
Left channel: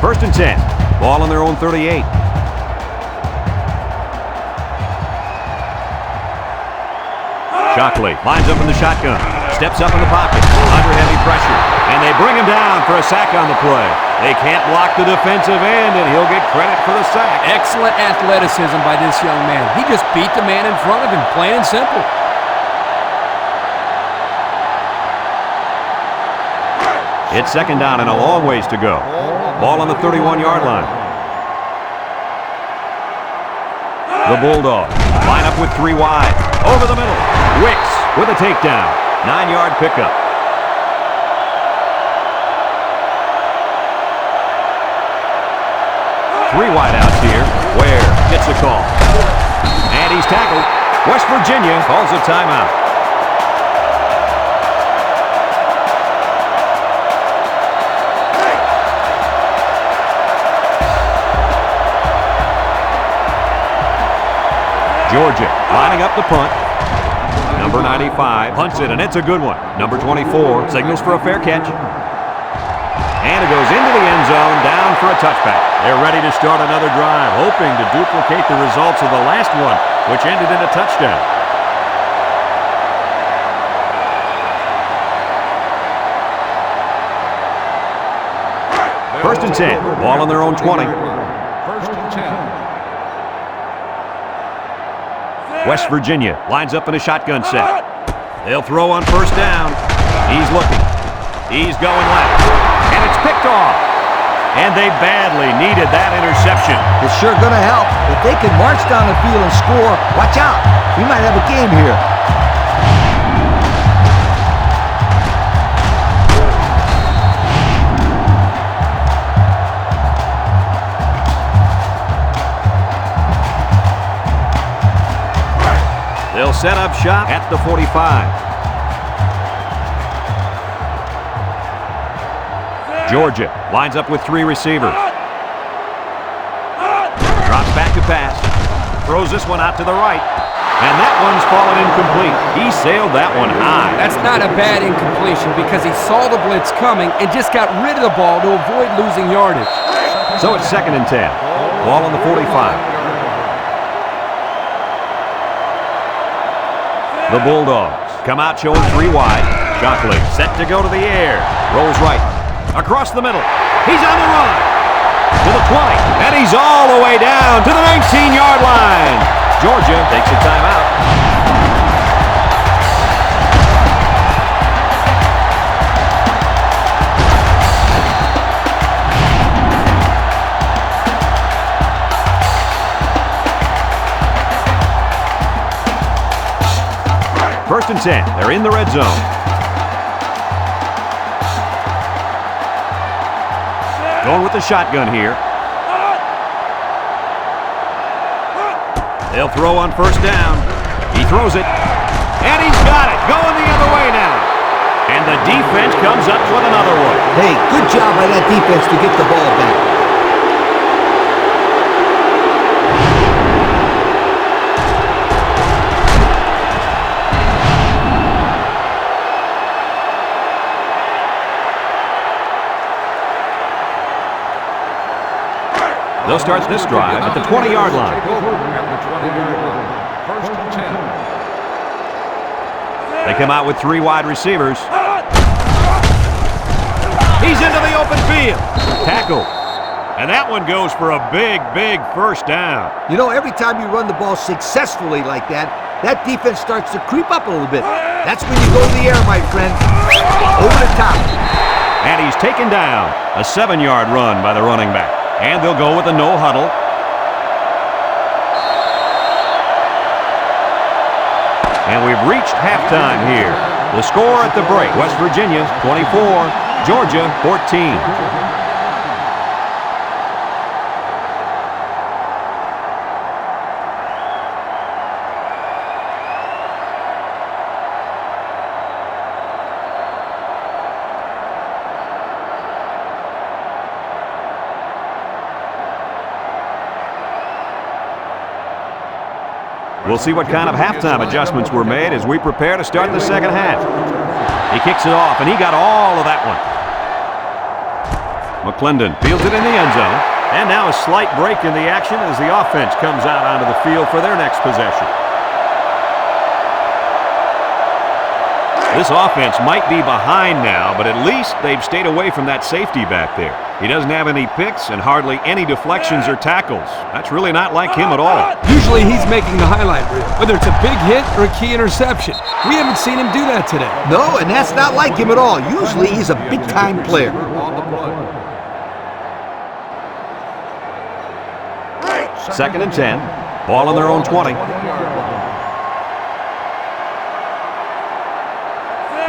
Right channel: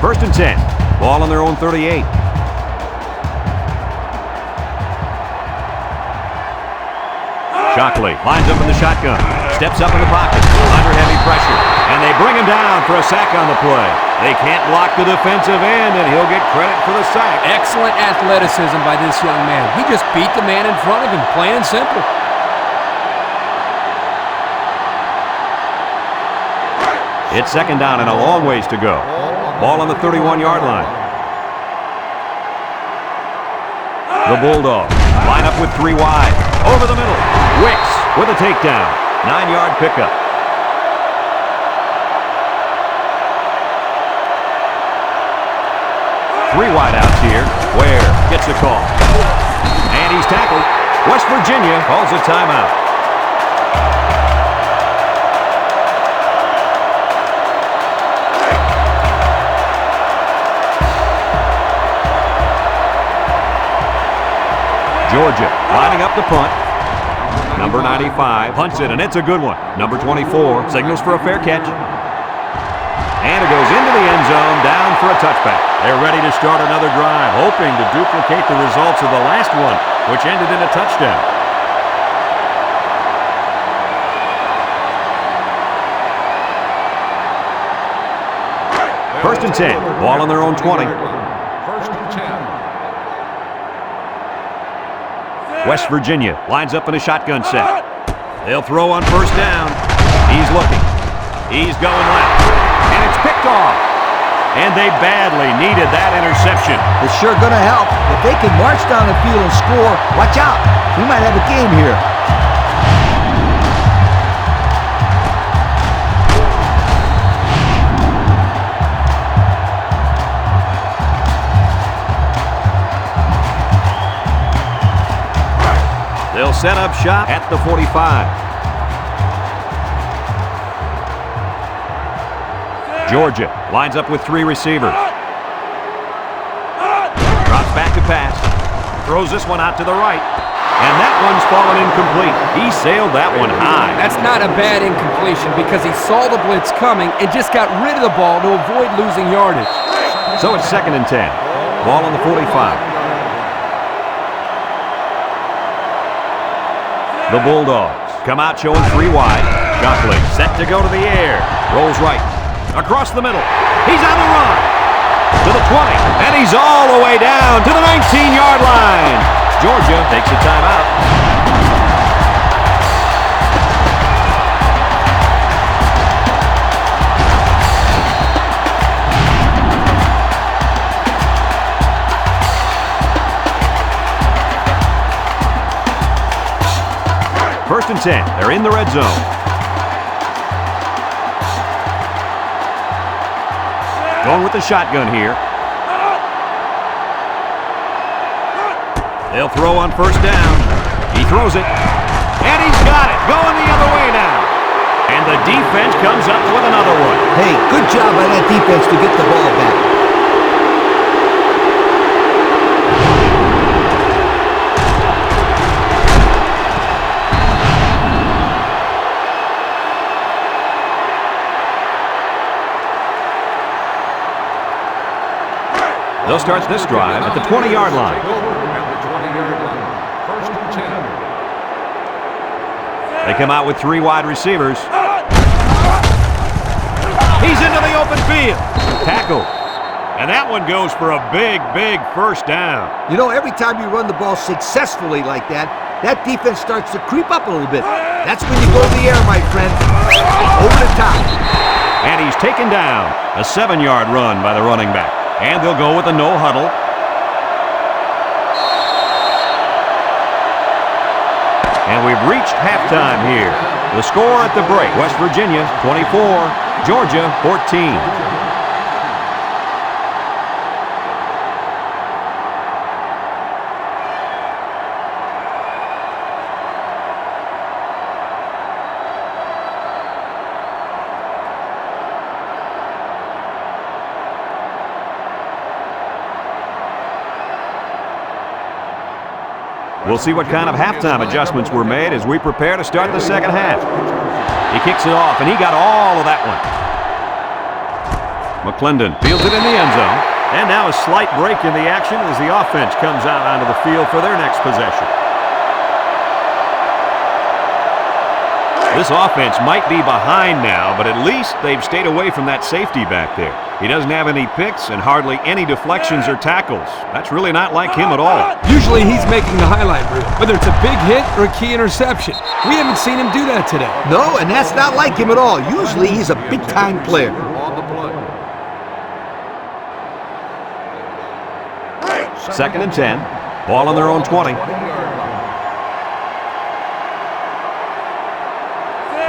First and 10. Ball on their own 38. Shockley lines up in the shotgun. Steps up in the pocket. Under heavy pressure. And they bring him down for a sack on the play. They can't block the defensive end, and he'll get credit for the sack. Excellent athleticism by this young man. He just beat the man in front of him, plain and simple. It's 2nd down and a long ways to go. Ball on the 31-yard line. The Bulldogs line up with 3 wide. Over the middle. Wicks with a takedown. 9-yard pickup. Three wideouts here. Ware gets a call. And he's tackled. West Virginia calls a timeout. Georgia lining up the punt. Number 95 punts it, and it's a good one. Number 24 signals for a fair catch. And it goes into the end zone, down for a touchback. They're ready to start another drive, hoping to duplicate the results of the last one, which ended in a touchdown. First and 10, ball on their own 20. 1st and 10. West Virginia lines up in a shotgun set. They'll throw on 1st down. He's looking. He's going left. And it's picked off. And they badly needed that interception. It's sure going to help. If they can march down the field and score, watch out. We might have a game here. They'll set up shop at the 45. Georgia lines up with 3 receivers. Drops back to pass. Throws this one out to the right. And that one's fallen incomplete. He sailed that one high. That's not a bad incompletion because he saw the blitz coming and just got rid of the ball to avoid losing yardage. So it's 2nd and 10. Ball on the 45. The Bulldogs come out showing 3 wide. Shockley set to go to the air. Rolls right. Across the middle. He's on the run. To the 20. And he's all the way down to the 19-yard line. Georgia takes a timeout. First and 10. They're in the red zone. Going with the shotgun here. They'll throw on first down. He throws it. And he's got it. Going the other way now. And the defense comes up with another one. Hey, good job by that defense to get the ball back. They'll start this drive at the 20-yard line. Take over at the 20-yard line. First and 10. They come out with 3 wide receivers. He's into the open field. Tackle. And that one goes for a big, big first down. You know, every time you run the ball successfully like that, that defense starts to creep up a little bit. That's when you go in the air, my friend. Over the top. And he's taken down. A 7-yard run by the running back. And they'll go with a no huddle. And we've reached halftime here. The score at the break, West Virginia 24, Georgia 14. We'll see what kind of halftime adjustments were made as we prepare to start the second half. He kicks it off, and he got all of that one. McClendon fields it in the end zone. And now a slight break in the action as the offense comes out onto the field for their next possession. This offense might be behind now, but at least they've stayed away from that safety back there. He doesn't have any picks and hardly any deflections or tackles. That's really not like him at all. Usually he's making the highlight reel, whether it's a big hit or a key interception. We haven't seen him do that today. No, and that's not like him at all. Usually he's a big-time player. On the play. Second and 10. Ball on their own 20. 20-yard line.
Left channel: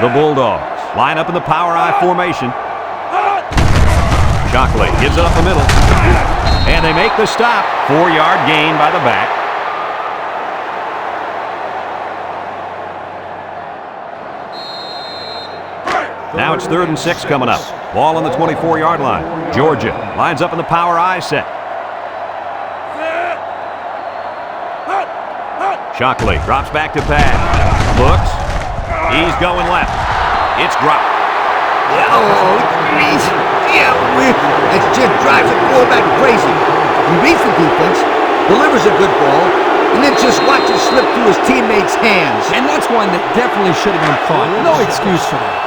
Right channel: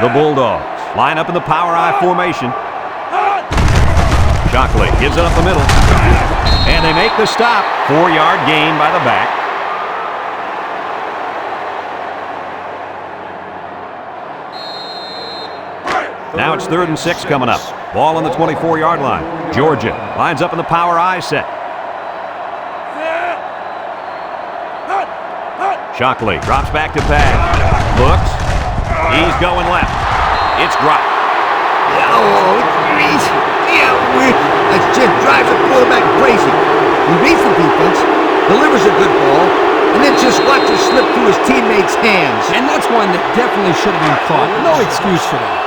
The Bulldogs line up in the power I formation. Shockley gives it up the middle. And they make the stop. 4-yard gain by the back. Now it's 3rd and 6 coming up. Ball on the 24-yard line. Georgia lines up in the power I set. Shockley drops back to pass. Looks. He's going left. It's dropped. Oh, geez. Yeah, that just drives the quarterback crazy. He reads the defense, delivers a good ball, and then just watches slip through his teammates' hands. And that's one that definitely should have been caught. No excuse for that.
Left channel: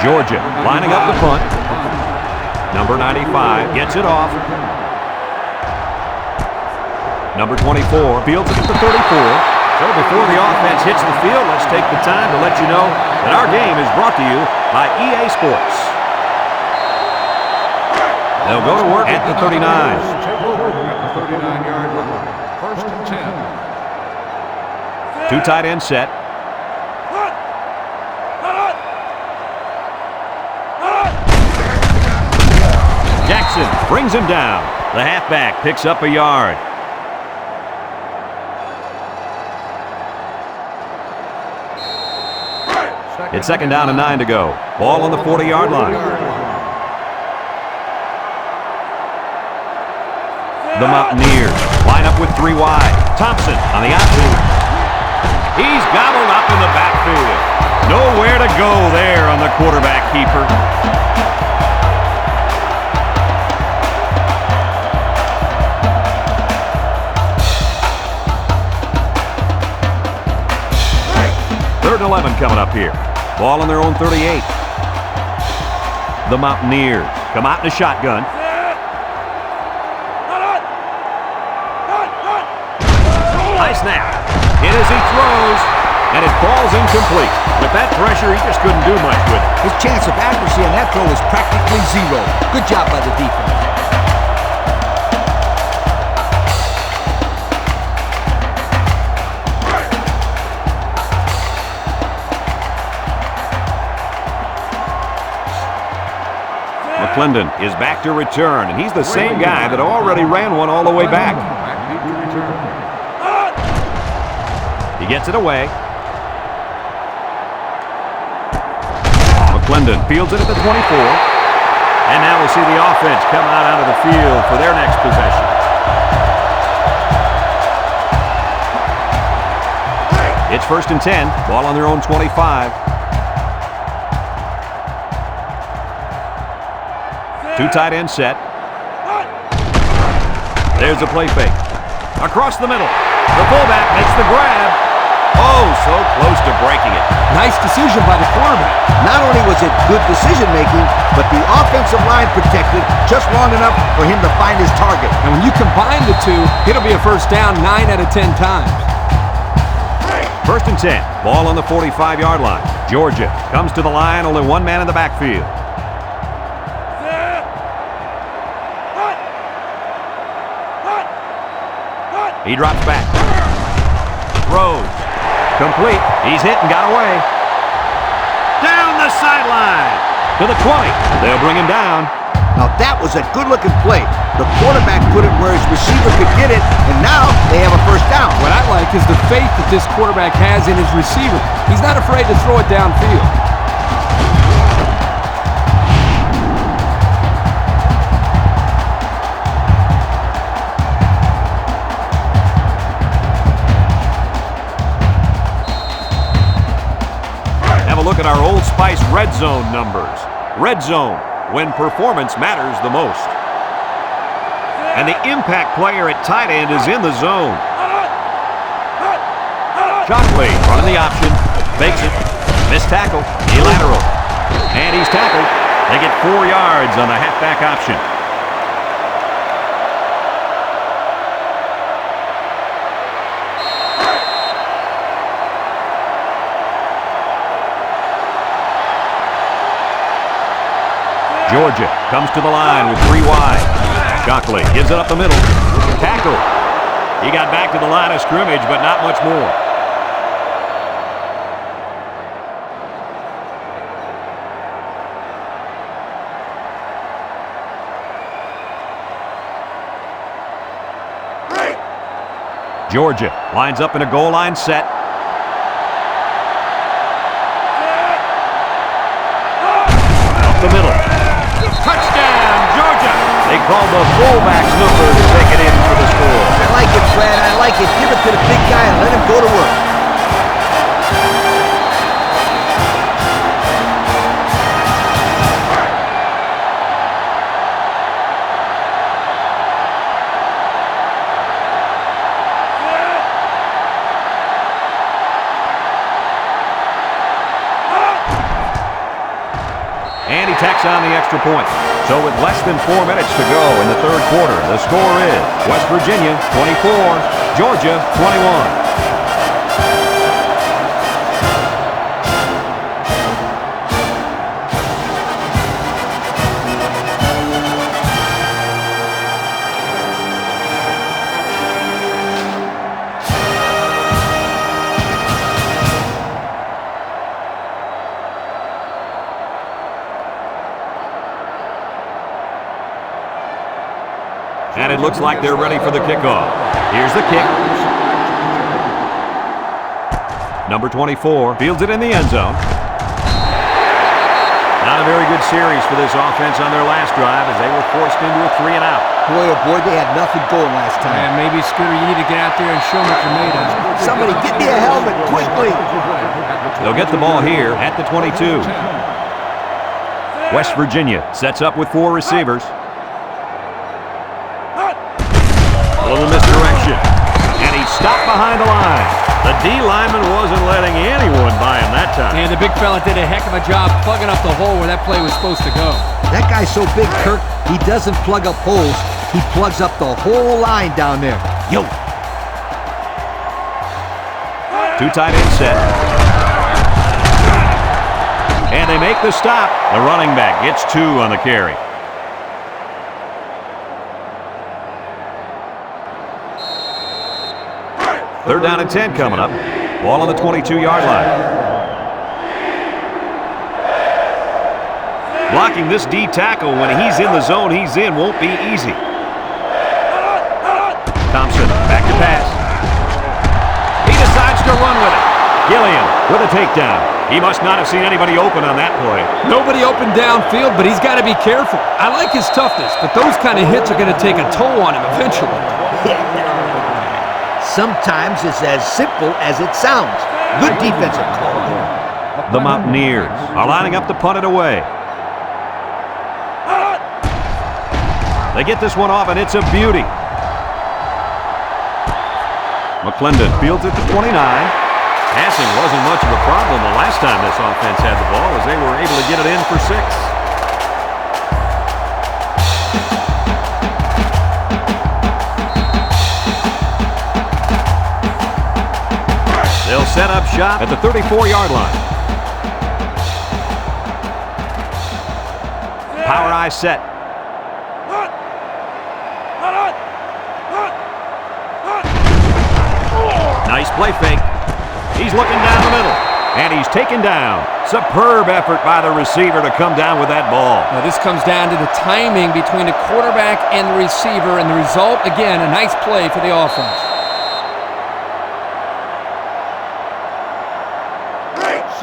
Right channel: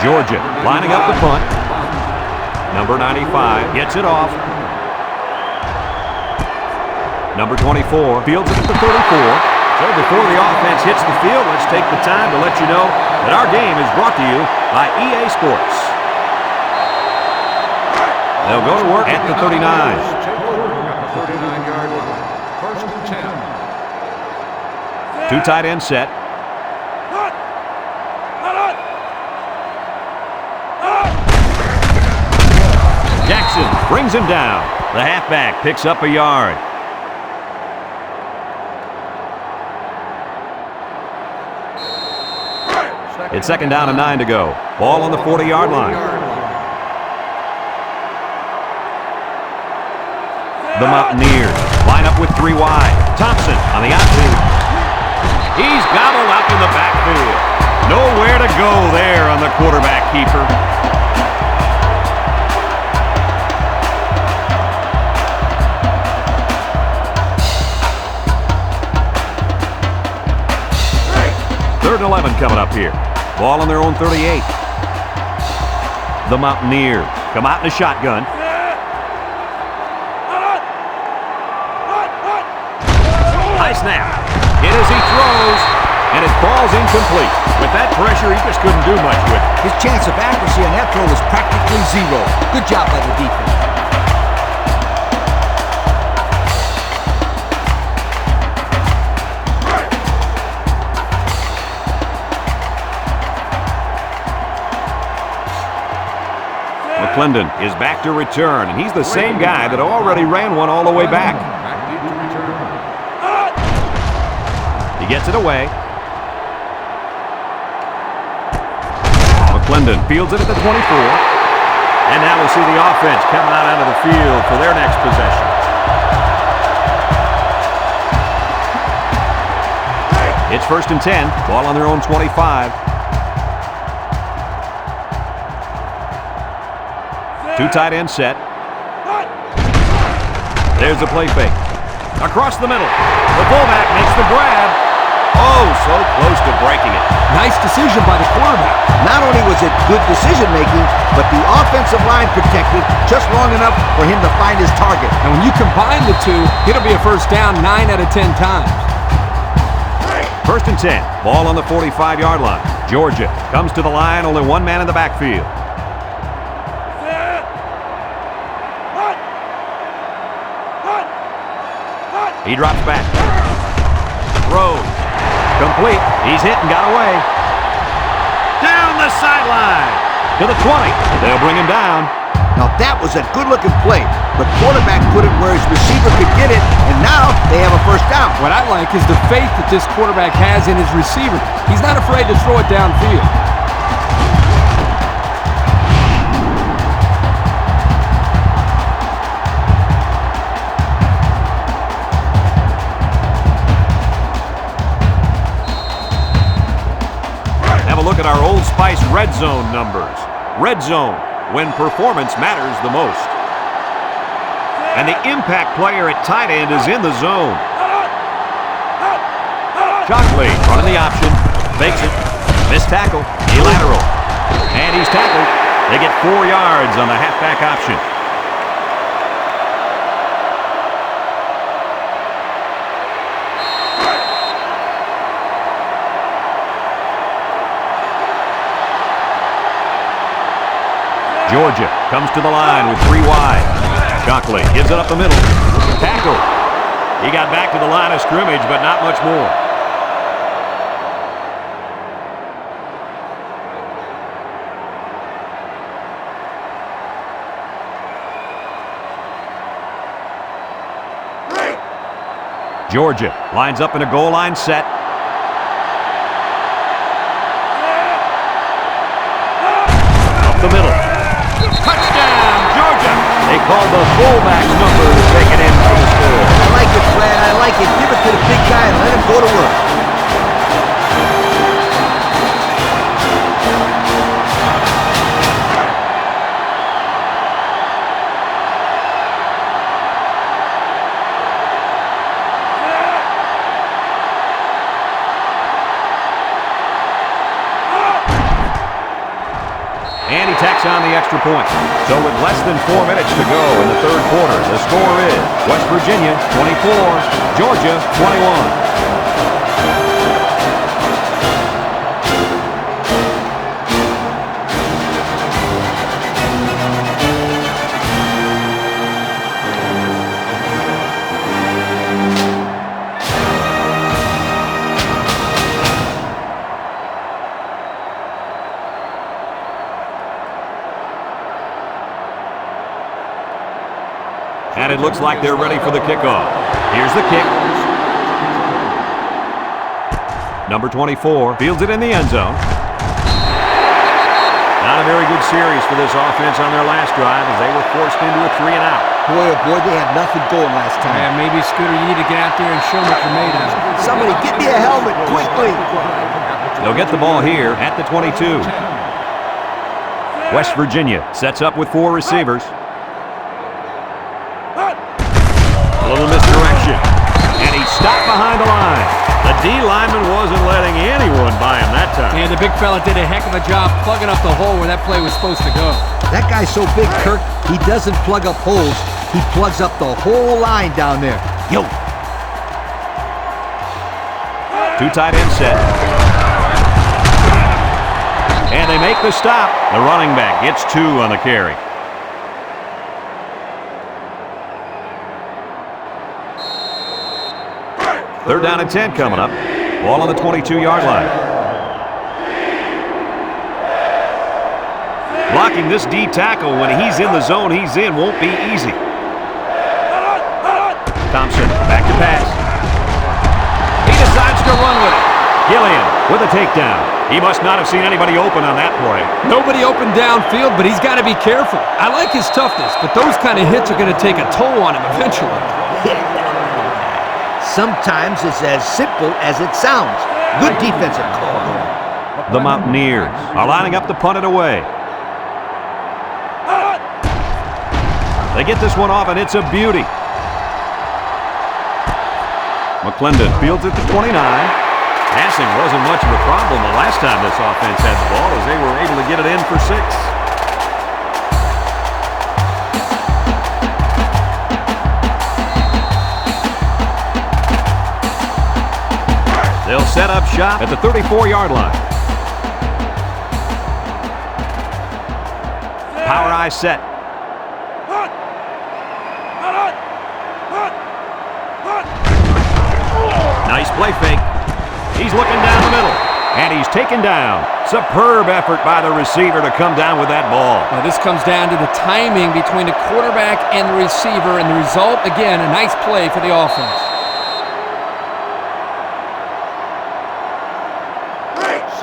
Georgia lining up the punt. Number 95 gets it off. Number 24 fields it at the 34. So before the offense hits the field, let's take the time to let you know that our game is brought to you by EA Sports. They'll go to work at the 39. Take over at the 39-yard line. First and 10. 2 tight end set. Jackson brings him down. The halfback picks up a yard. It's 2nd down and 9 to go. Ball on the 40-yard line. The Mountaineers line up with 3 wide. Thompson on the outfield. He's gobbled up in the backfield. Nowhere to go there on the quarterback keeper. Third and 11 coming up here. Ball on their own 38. The Mountaineers come out in a shotgun. High snap. Hit as he throws, and it falls incomplete. With that pressure, he just couldn't do much with it. His chance of accuracy on that throw was practically 0. Good job by the defense. McClendon is back to return, and he's the same guy that already ran one all the way back. Back deep to return. He gets it away. McClendon fields it at the 24. And now we'll see the offense come out onto the field for their next possession. It's 1st and 10. Ball on their own 25. Two tight end set. There's a play fake. Across the middle. The fullback makes the grab. Oh, so close to breaking it. Nice decision by the quarterback. Not only was it good decision-making, but the offensive line protected just long enough for him to find his target. And when you combine the two, it'll be a first down 9 out of 10 times. 1st and 10. Ball on the 45-yard line. Georgia comes to the line, only one man in the backfield. He drops back. Throws. Complete. He's hit and got away. Down the sideline. To the 20. They'll bring him down. Now that was a good-looking play. The quarterback put it where his receiver could get it, and now they have a first down. What I like is the faith that this quarterback has in his receiver. He's not afraid to throw it downfield. Have a look at our Old Spice Red Zone numbers. Red Zone, when performance matters the most. And the impact player at tight end is in the zone. Shockley running the option. Fakes it. Missed tackle. A lateral. And he's tackled. They get 4 yards on the halfback option. Georgia comes to the line with 3 wide. Shockley gives it up the middle. Tackle. He got back to the line of scrimmage, but not much more. Georgia lines up in a goal line set. Up the middle. Touchdown, Georgia! They called the fullback's number to take it in for the score. I like it, Fred. I like it. Give it to the big guy and let him go to work. And he tacks on the extra point. So with less than 4 minutes to go in the third quarter, the score is West Virginia 24, Georgia 21. And it looks like they're ready for the kickoff. Here's the kick. Number 24 fields it in the end zone. Not a very good series for this offense on their last drive as they were forced into a 3 and out. Boy, oh boy, they had nothing going last time. And maybe, Scooter, you need to get out there and show them what you're made of. Somebody get me a helmet quickly. They'll get the ball here at the 22. West Virginia sets up with 4 receivers. A little misdirection. And he stopped behind the line. The D lineman wasn't letting anyone by him that time. And the big fella did a heck of a job plugging up the hole where that play was supposed to go. That guy's so big, Kirk, he doesn't plug up holes. He plugs up the whole line down there. Yo. 2 tight end set. And they make the stop. The running back gets 2 on the carry. Third down and 10 coming up. Ball on the 22-yard line. Blocking this D tackle when he's in the zone he's in won't be easy. Thompson, back to pass. He decides to run with it. Gilliam with a takedown. He must not have seen anybody open on that play. Nobody open downfield, but he's got to be careful. I like his toughness, but those kind of hits are going to take a toll on him eventually. Sometimes it's as simple as it sounds. Good defensive call there. The Mountaineers are lining up to punt it away. They get this one off, and it's a beauty. McClendon fields it to 29. Passing wasn't much of a problem the last time this offense had the ball, as they were able to get it in for 6. They'll set up shop at the 34-yard line. Power eye set. Nice play fake. He's looking down the middle, and he's taken down. Superb effort by the receiver to come down with that ball. Well, this comes down to the timing between the quarterback and the receiver, and the result, again, a nice play for the offense.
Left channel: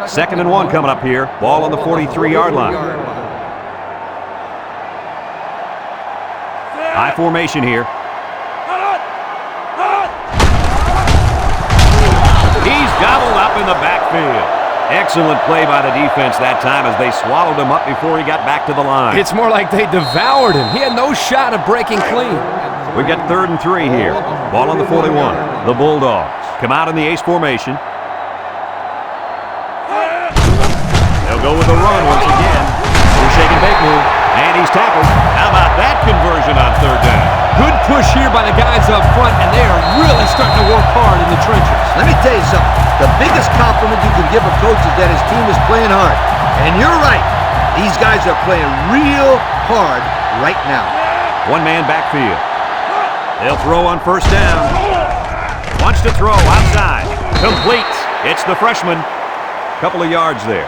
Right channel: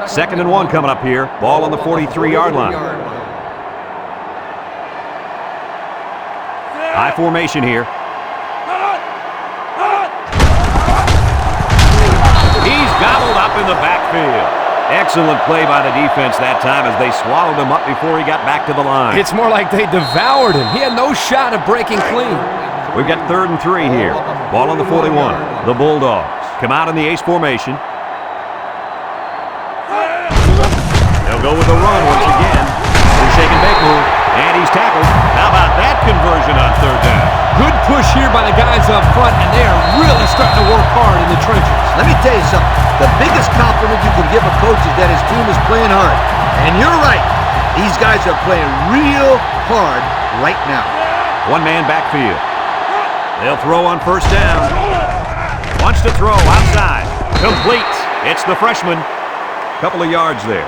Second and 1 coming up here. Ball on the 43-yard line. High formation here. He's gobbled up in the backfield. Excellent play by the defense that time as they swallowed him up before he got back to the line. It's more like they devoured him. He had no shot of breaking clean. We've got 3rd and 3 here. Ball on the 41. The Bulldogs come out in the ace formation. They'll go with the run once again. Shake and bake move, and he's tackled. How about that conversion on 3rd down? Good push here by the guys up front, and they are really starting to work hard in the trenches. Let me tell you something. The biggest compliment you can give a coach is that his team is playing hard. And you're right. These guys are playing real hard right now. One man backfield. They'll throw on 1st down. Wants to throw outside. Complete. It's the freshman. Couple of yards there.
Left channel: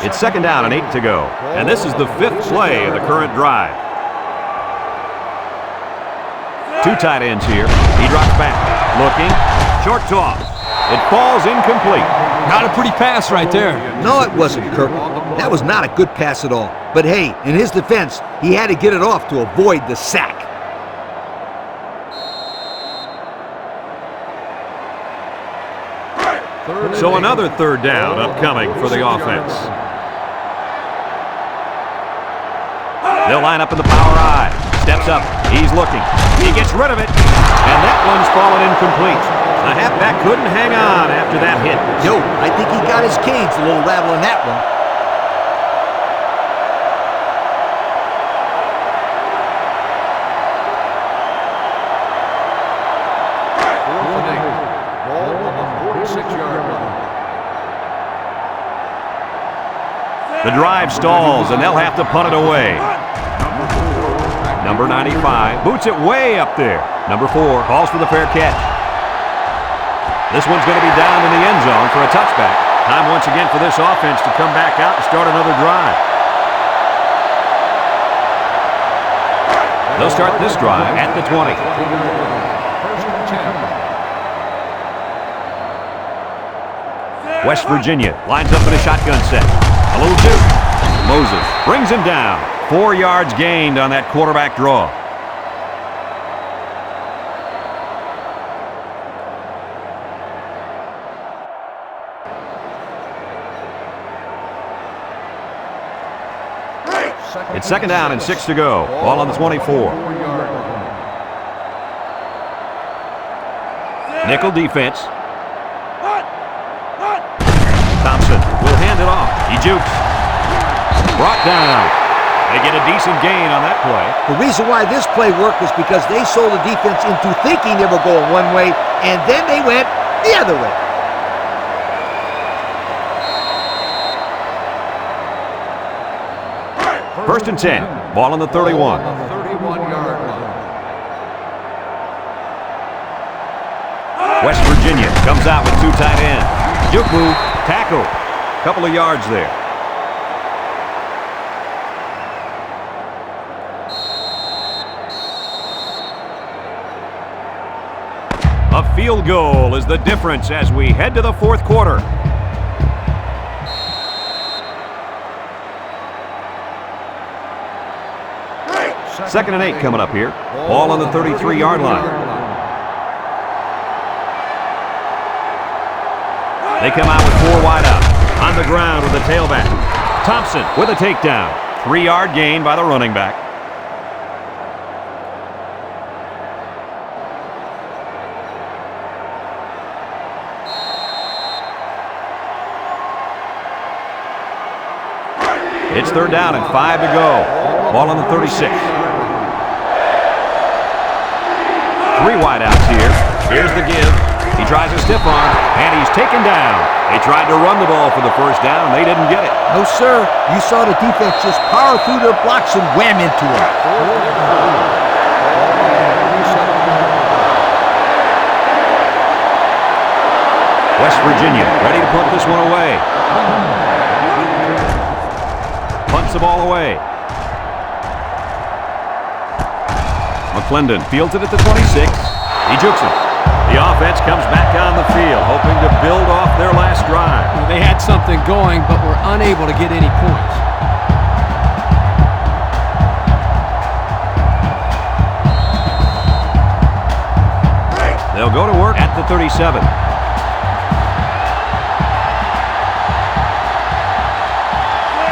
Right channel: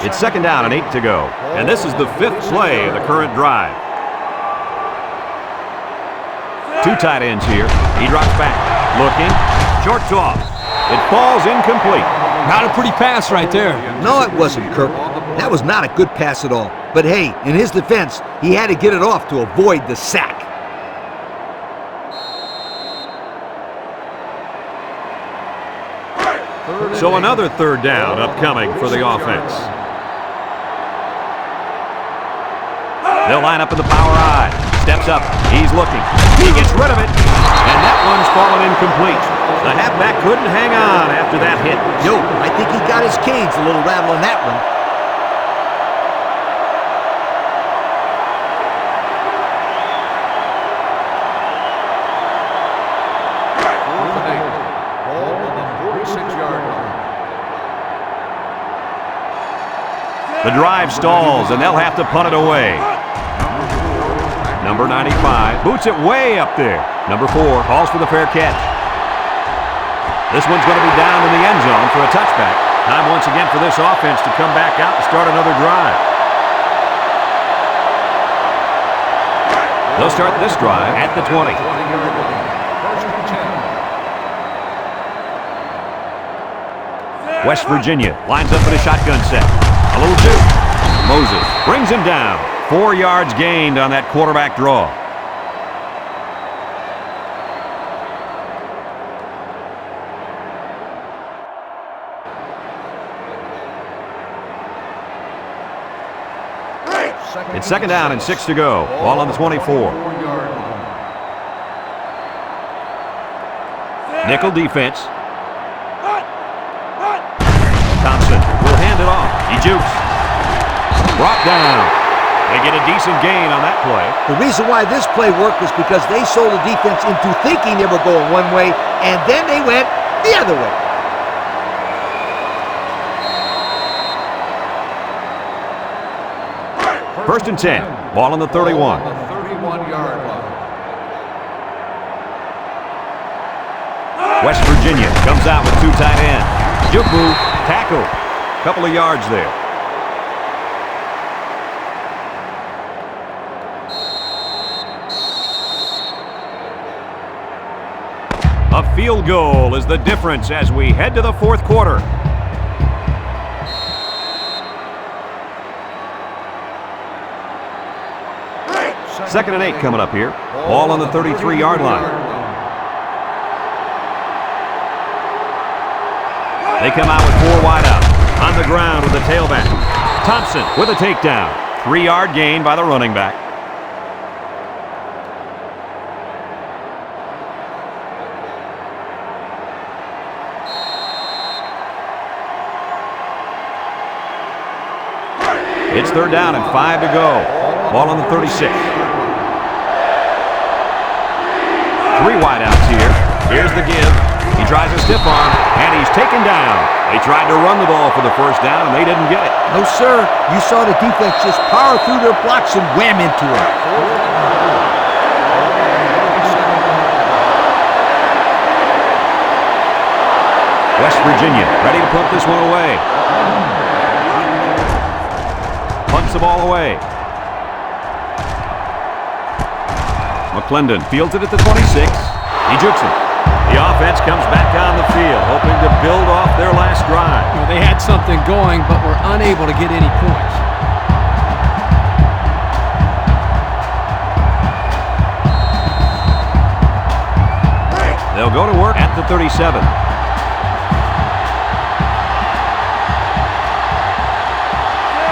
It's 2nd down and 8 to go. And this is the 5th play of the current drive. 2 tight ends here. He drops back. Looking. Short toss. It falls incomplete. Not a pretty pass right there. No, it wasn't, Kirk. That was not a good pass at all. But hey, in his defense, he had to get it off to avoid the sack. So another 3rd down upcoming for the offense. They'll line up in the power eye. Steps up. He's looking. He gets rid of it. And that one's fallen incomplete. The halfback couldn't hang on after that hit. Yo, I think he got his cage a little rattle on that one. Fourth and 8. Ball on the 46-yard line. The drive stalls, and they'll have to punt it away. Number 95 boots it way up there. Number 4 calls for the fair catch. This one's going to be down in the end zone for a touchback. Time once again for this offense to come back out and start another drive. They'll start this drive at the 20. 20-yard line. 1st and 10. West Virginia lines up in a shotgun set. A little juke. Moses brings him down. 4 yards gained on that quarterback draw. It's 2nd down and 6 to go. Ball on the 24. 24-yard line. Nickel defense. Thompson will hand it off. He jukes. Brought down. They get a decent gain on that play. The reason why this play worked was because they sold the defense into thinking they were going one way, and then they went the other way. First and 10. Ball on the 31. 31-yard line. West Virginia comes out with two tight ends. Juke move, tackle. Couple of yards there. A field goal is the difference as we head to the fourth quarter. Second and 8 coming up here. Ball on the 33-yard line. They come out with four wide out. On the ground with the tailback. Thompson with a takedown. 3-yard gain by the running back. It's third down and 5 to go. Ball on the 36. 3 wide outs here. Here's the give. He tries a stiff arm, and he's taken down. They tried to run the ball for the first down, and they didn't get it. No, sir. You saw the defense just power through their blocks and wham into him. West Virginia ready to punt this one away. Punts the ball away. McClendon fields it at the 26. He jukes him. The offense comes back on the field, hoping to build off their last drive. You know, they had something going, but were unable to get any points. They'll go to work at the 37.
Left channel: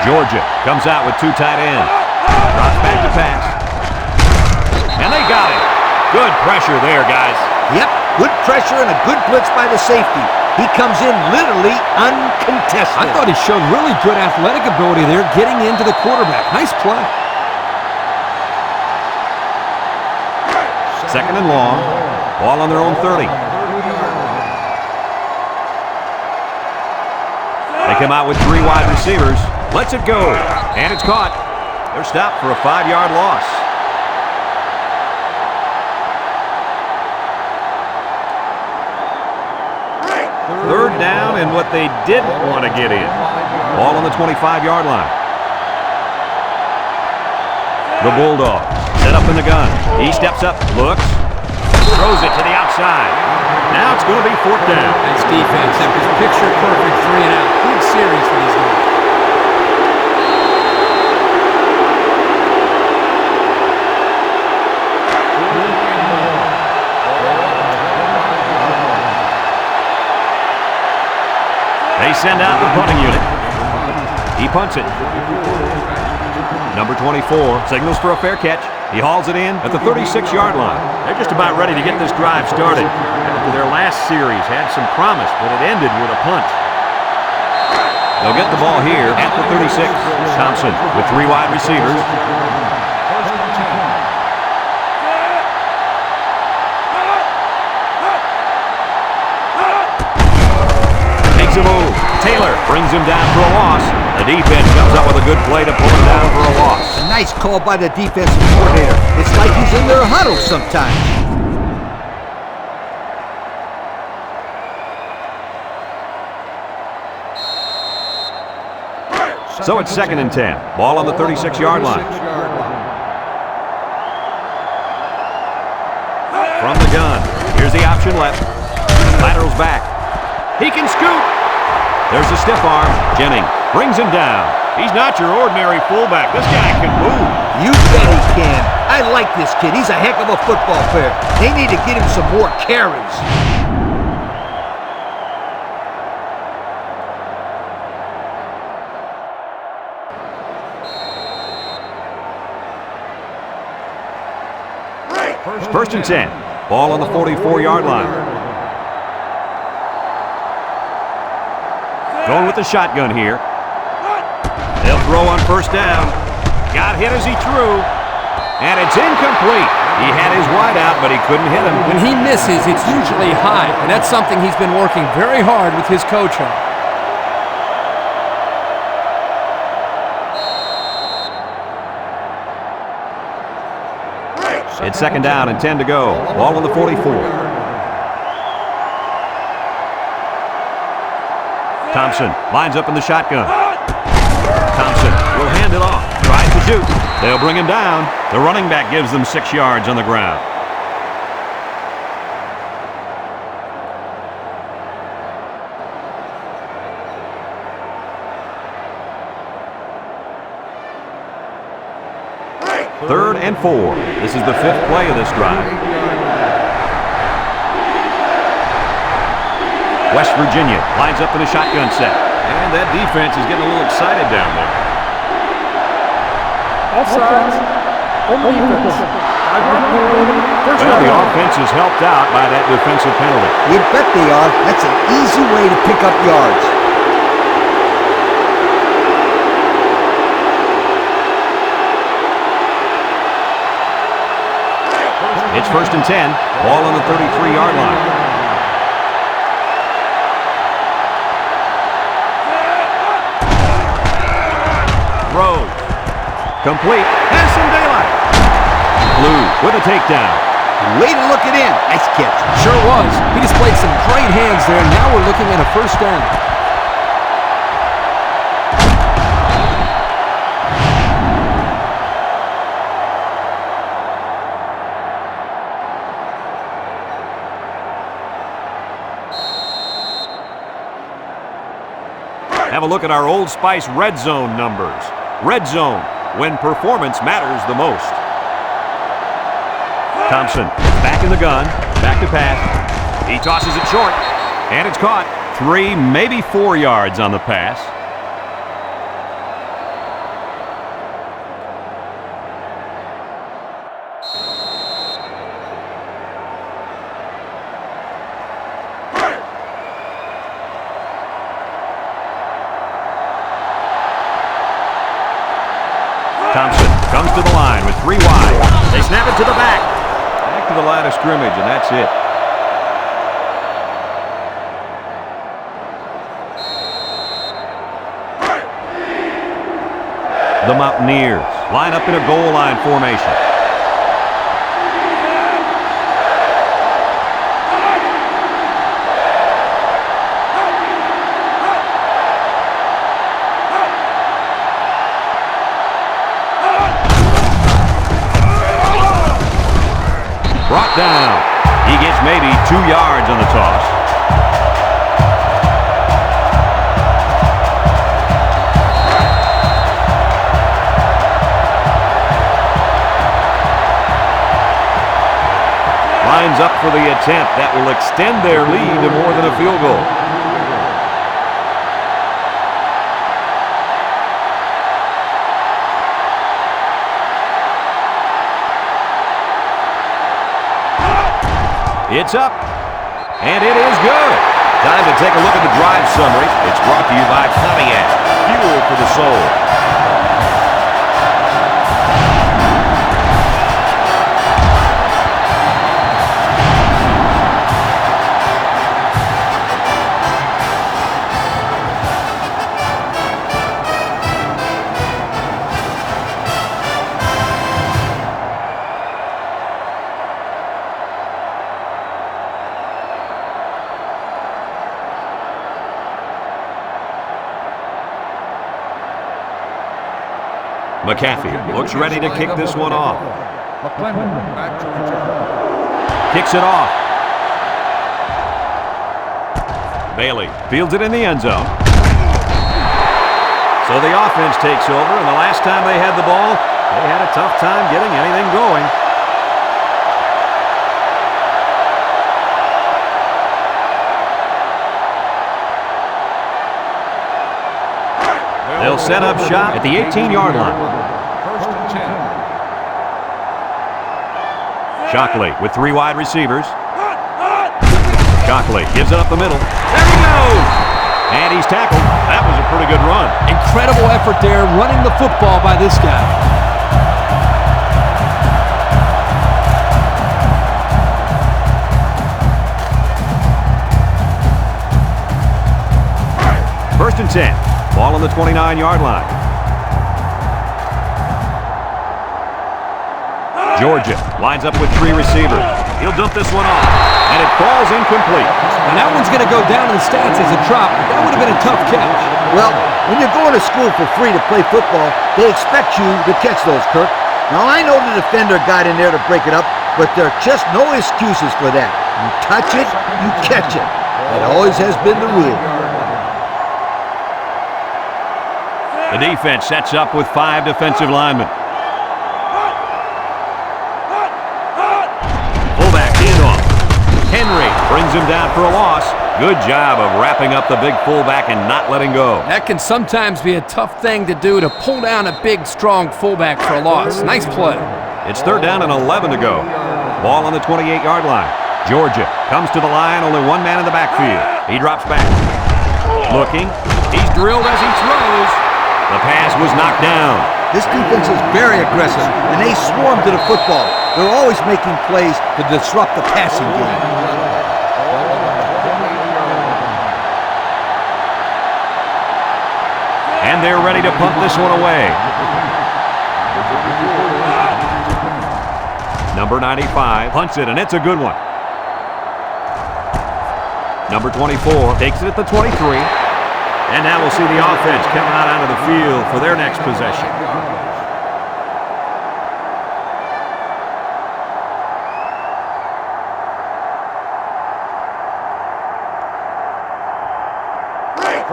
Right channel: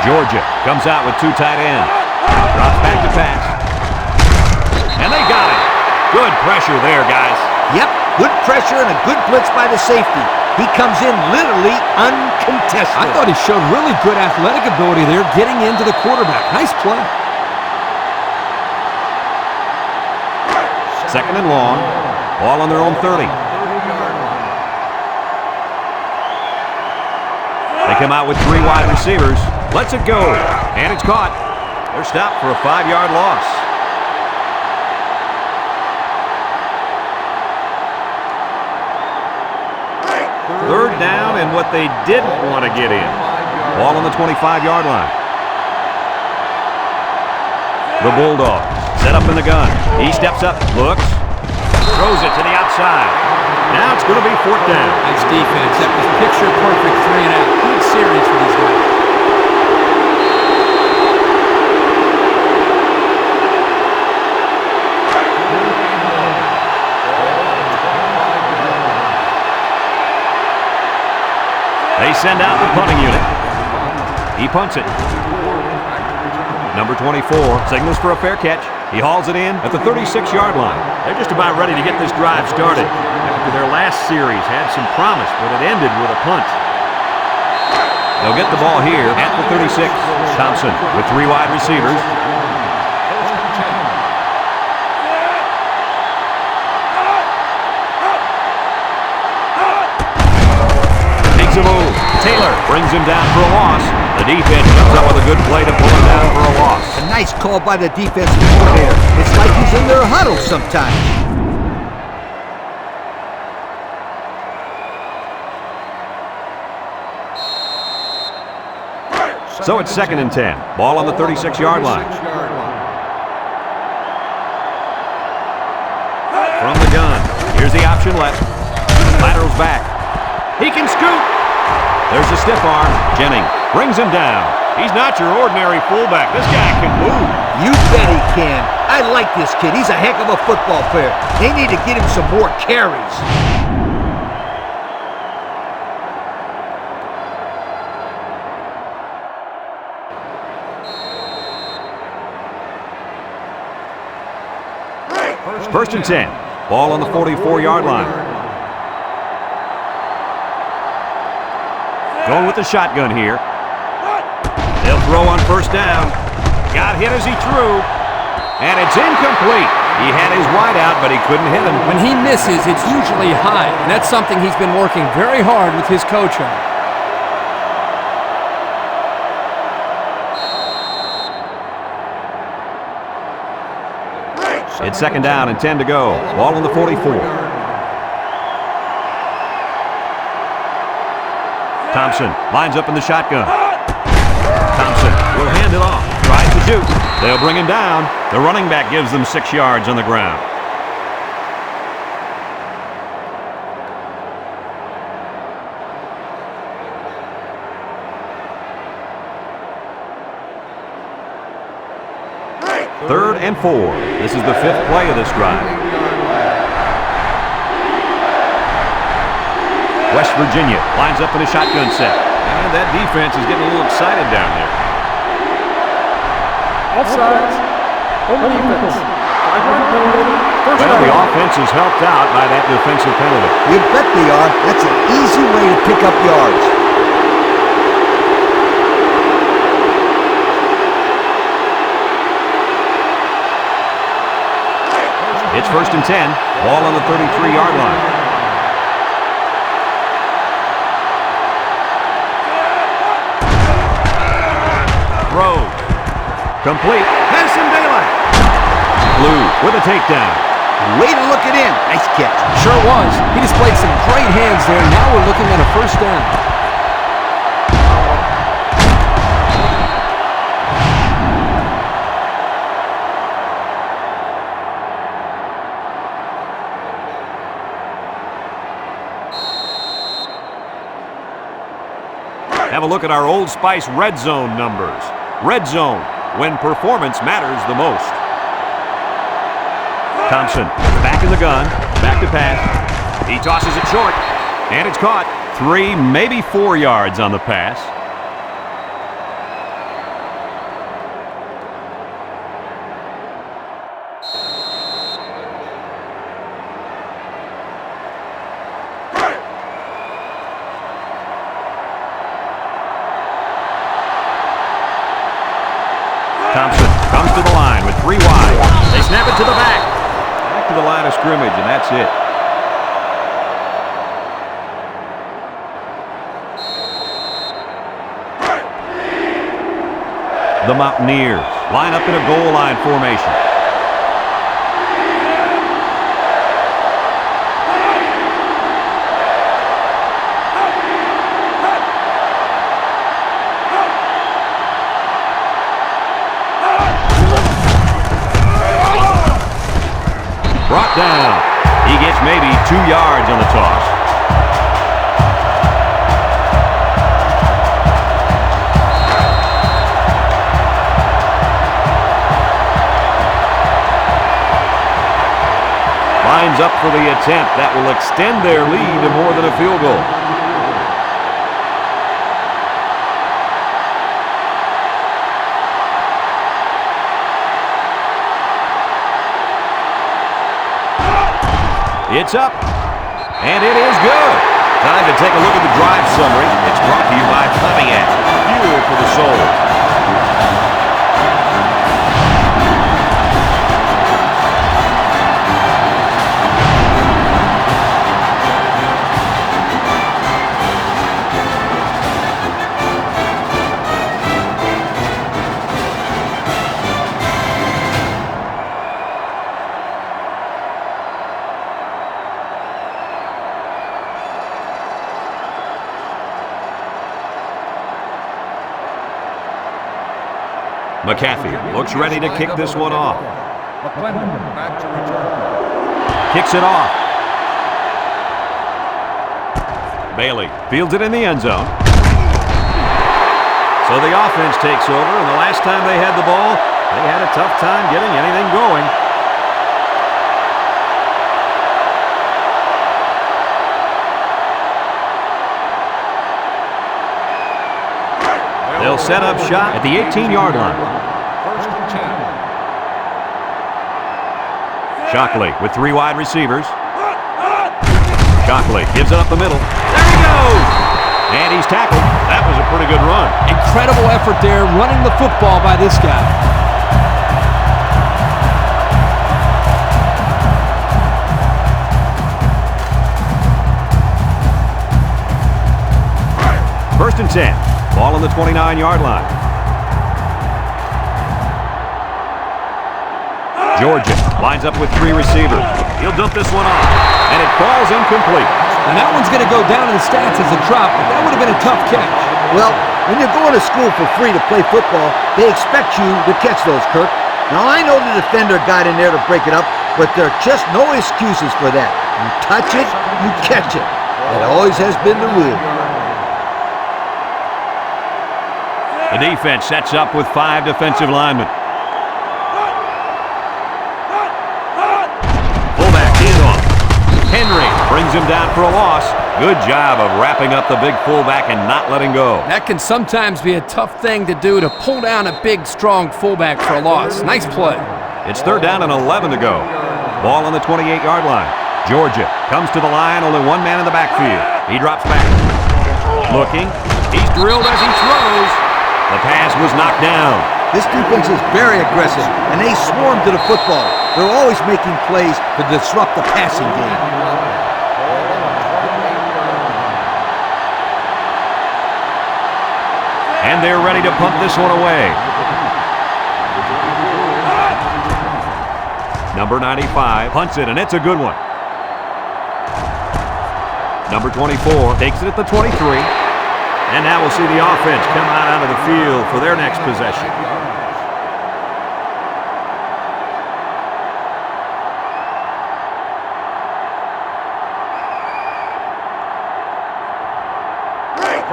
Georgia comes out with two tight ends. Drops back to pass. And they got it. Good pressure there, guys. Yep, good pressure and a good blitz by the safety. He comes in literally uncontested. I thought he showed really good athletic ability there getting into the quarterback. Nice play. Second and long. Ball on their own 30. They come out with 3 wide receivers. Lets it go. And it's caught. They're stopped for a 5-yard loss. Third down and what they didn't want to get in. Ball on the 25-yard line. The Bulldogs set up in the gun. He steps up, looks, throws it to the outside. Now it's going to be fourth down. Nice defense. That was picture perfect 3 and out. Good series for these guys. They send out the punting unit. He punts it. Number 24 signals for a fair catch. He hauls it in at the 36-yard line. They're just about ready to get this drive started. After their last series had some promise, but it ended with a punt. They'll get the ball here at the 36. Thompson with 3 wide receivers. Makes a move. Taylor brings him down for a loss. The defense comes up with a good play to pull him down for a loss. A nice call by the defensive coordinator. It's like he's in their huddle sometimes. So it's second and 10. Ball on the 36-yard line. From the gun. Here's the option left. Laterals back. He can scoot. There's a stiff arm. Jennings brings him down. He's not your ordinary fullback. This guy can move. You bet he can. I like this kid. He's a heck of a football player. They need to get him some more carries. First and 10. Ball on the 44-yard line. Going with the shotgun here. They'll throw on first down. Got hit as he threw. And it's incomplete. He had his wide out, but he couldn't hit him. When he misses, it's usually high, and that's something he's been working very hard with his coach on. It's second down and 10 to go. Ball on the 44. Thompson lines up in the shotgun. Thompson will hand it off. Tries to shoot. They'll bring him down. The running back gives them 6 yards on the ground. Third and 4. This is the 5th play of this drive. West Virginia lines up in a shotgun set. And that defense is getting a little excited down there. Offsides. Home defense. 5-yard penalty. First Well, the down. offense is helped out by that defensive penalty. You bet they are. That's an easy way to pick up yards. It's first and 10. Ball on the 33-yard line. Throws. Complete. Has some daylight. Blue with a takedown. Way to look it in. Nice catch. Sure was. He displayed some great hands there. Now we're looking at a first down. Have a look at our Old Spice red zone numbers. Red zone, when performance matters the most. Thompson is back in the gun, back to pass. He tosses it short, and it's caught. 3, maybe 4 yards on the pass. Thompson comes to the line with 3 wide. They snap it to the back. Back to the line of scrimmage, and that's it. The Mountaineers line up in a goal line formation. Brought down. He gets maybe 2 yards on the toss. Lines up for the attempt that will extend their lead to more than a field goal. It's up, and it is good. Time to take a look at the drive summary. It's brought to you by Pontiac, fuel for the soul. McAfee looks ready to kick this one off. McClendon back to return. Kicks it off. Bailey fields it in the end zone. So the offense takes over, and the last time they had the ball, they had a tough time getting anything going. They'll set up shop at the 18-yard line. First and 10. Shockley with 3 wide receivers. Shockley gives it up the middle. There he goes! And he's tackled. That was a pretty good run. Incredible effort there running the football by this guy. First and 10. Ball on the 29-yard line. Georgia lines up with 3 receivers. He'll dump this one off, and it falls incomplete. Now that one's going to go down in the stats as a drop, but that would have been a tough catch. Well, when you're going to school for free to play football, they expect you to catch those, Kirk. Now, I know the defender got in there to break it up, but there are just no excuses for that. You touch it, you catch it. That always has been the rule. The defense sets up with 5 defensive linemen. Fullback handoff. Henry brings him down for a loss. Good job of wrapping up the big fullback and not letting go. That can sometimes be a tough thing to do, to pull down a big, strong fullback for a loss. Nice play. It's 3rd down and 11 to go. Ball on the 28-yard line. Georgia comes to the line, only 1 man in the backfield. He drops back. Looking. He's drilled as he throws. The pass was knocked down. This defense is very aggressive, and they swarm to the football. They're always making plays to disrupt the passing game. And they're ready to punt this one away. Number 95 punts it, and it's a good one. Number 24 takes it at the 23. And now we'll see the offense come out onto the field for their next possession.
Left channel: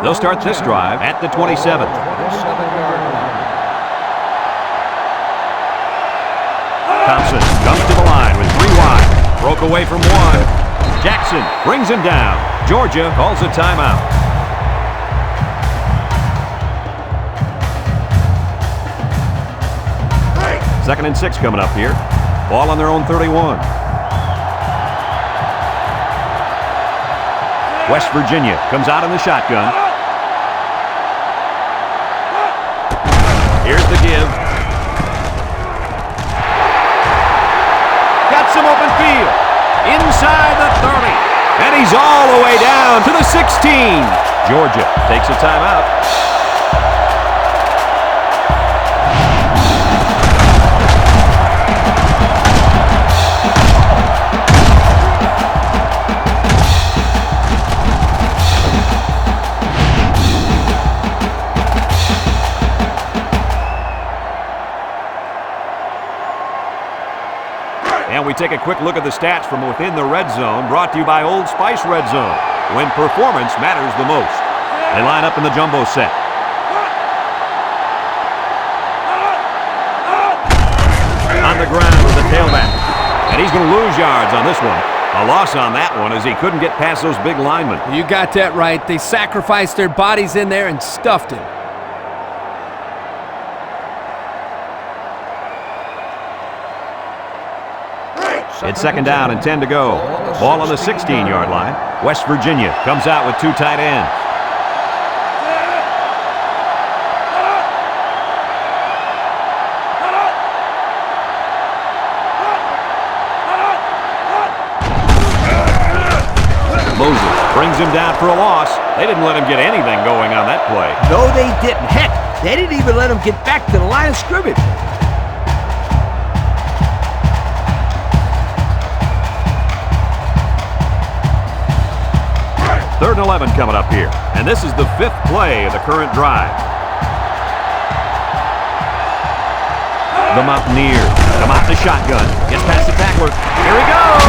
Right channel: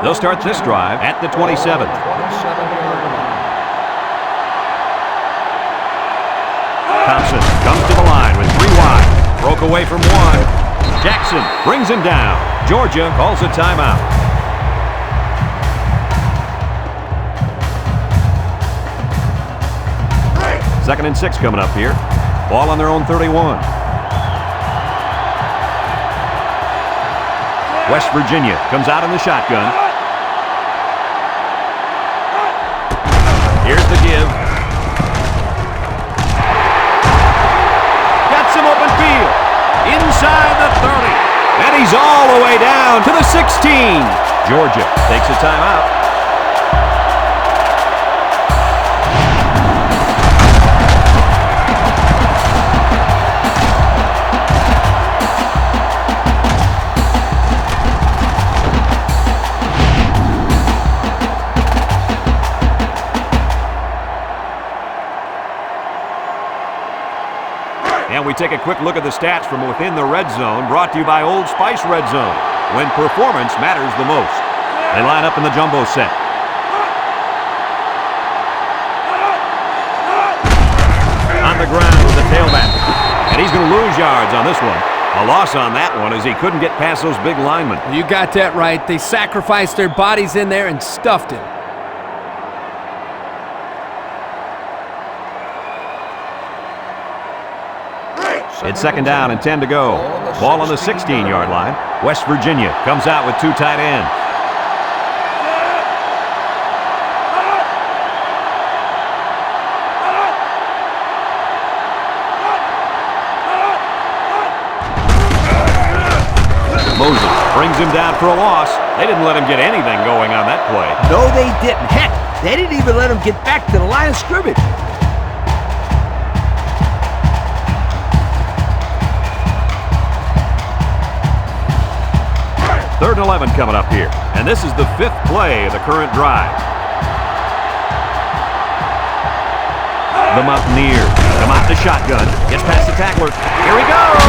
They'll start this drive at the 27. 27-yard line. Thompson comes to the line with 3 wide. Broke away from 1. Jackson brings him down. Georgia calls a timeout. Second and 6 coming up here. Ball on their own 31. West Virginia comes out in the shotgun. Here's the give. Got some open field. Inside the 30. And he's all the way down to the 16. Georgia takes a timeout. And we take a quick look at the stats from within the red zone, brought to you by Old Spice Red Zone, when performance matters the most. They line up in the jumbo set. On the ground with the tailback. And he's going to lose yards on this one. A loss on that one as he couldn't get past those big linemen. You got that right. They sacrificed their bodies in there and stuffed him. It's 2nd down and 10 to go. Ball on the 16-yard line. West Virginia comes out with 2 tight ends. Moses brings him down for a loss. They didn't let him get anything going on that play. No, they didn't. Heck, they didn't even let him get back to the line of scrimmage. 3rd and 11 coming up here. And this is the 5th play of the current drive. The Mountaineers come out in the shotgun. Gets past the tackler. Here he goes.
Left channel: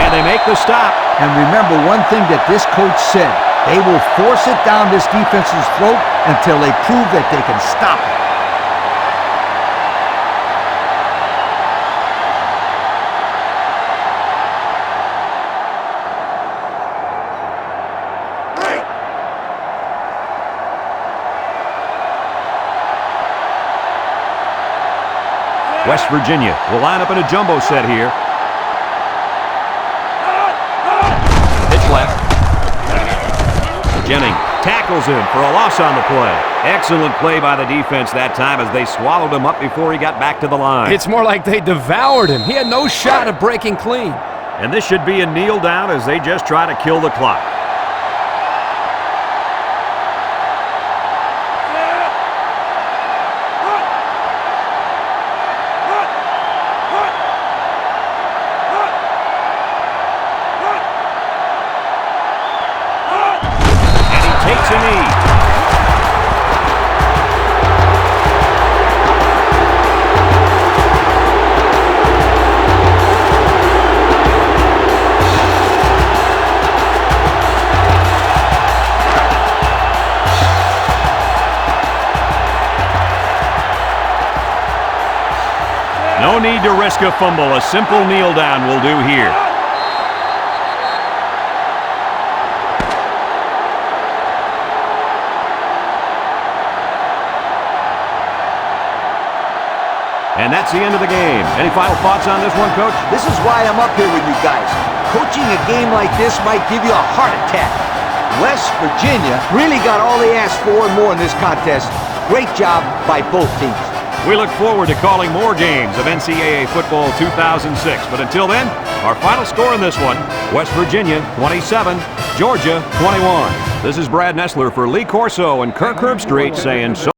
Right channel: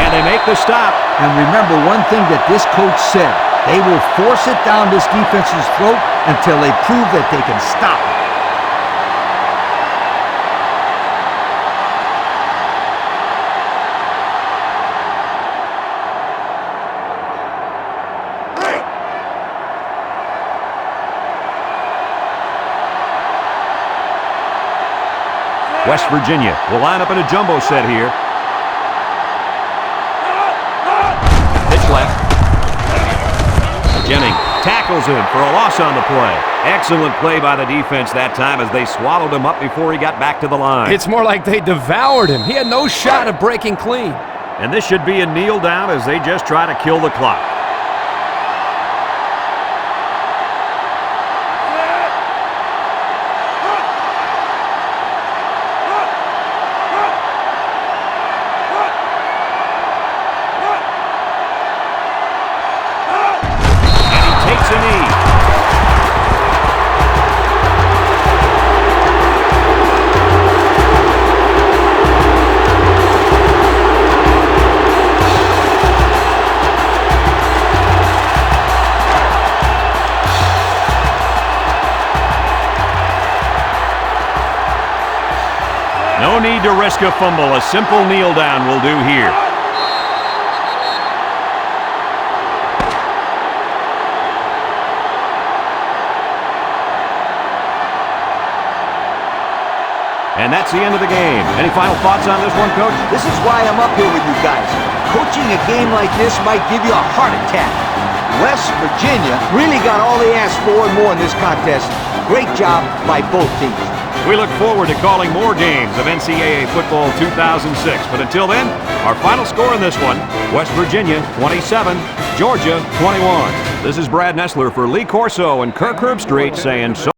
And they make the stop. And remember one thing that this coach said. They will force it down this defense's throat until they prove that they can stop it. West Virginia will line up in a jumbo set here. Pitch left. Jennings tackles him for a loss on the play. Excellent play by the defense that time as they swallowed him up before he got back to the line. It's more like they devoured him. He had no shot of breaking clean. And this should be a kneel down as they just try to kill the clock. takes a knee. No need to risk a fumble. A simple kneel down will do here. And that's the end of the game. Any final thoughts on this one, Coach? This is why I'm up here with you guys. Coaching a game like this might give you a heart attack. West Virginia really got all they asked for and more in this contest. Great job by both teams. We look forward to calling more games of NCAA Football 2006. But until then, our final score in this one, West Virginia 27, Georgia 21. This is Brad Nessler for Lee Corso and Kirk Herbstreit saying so.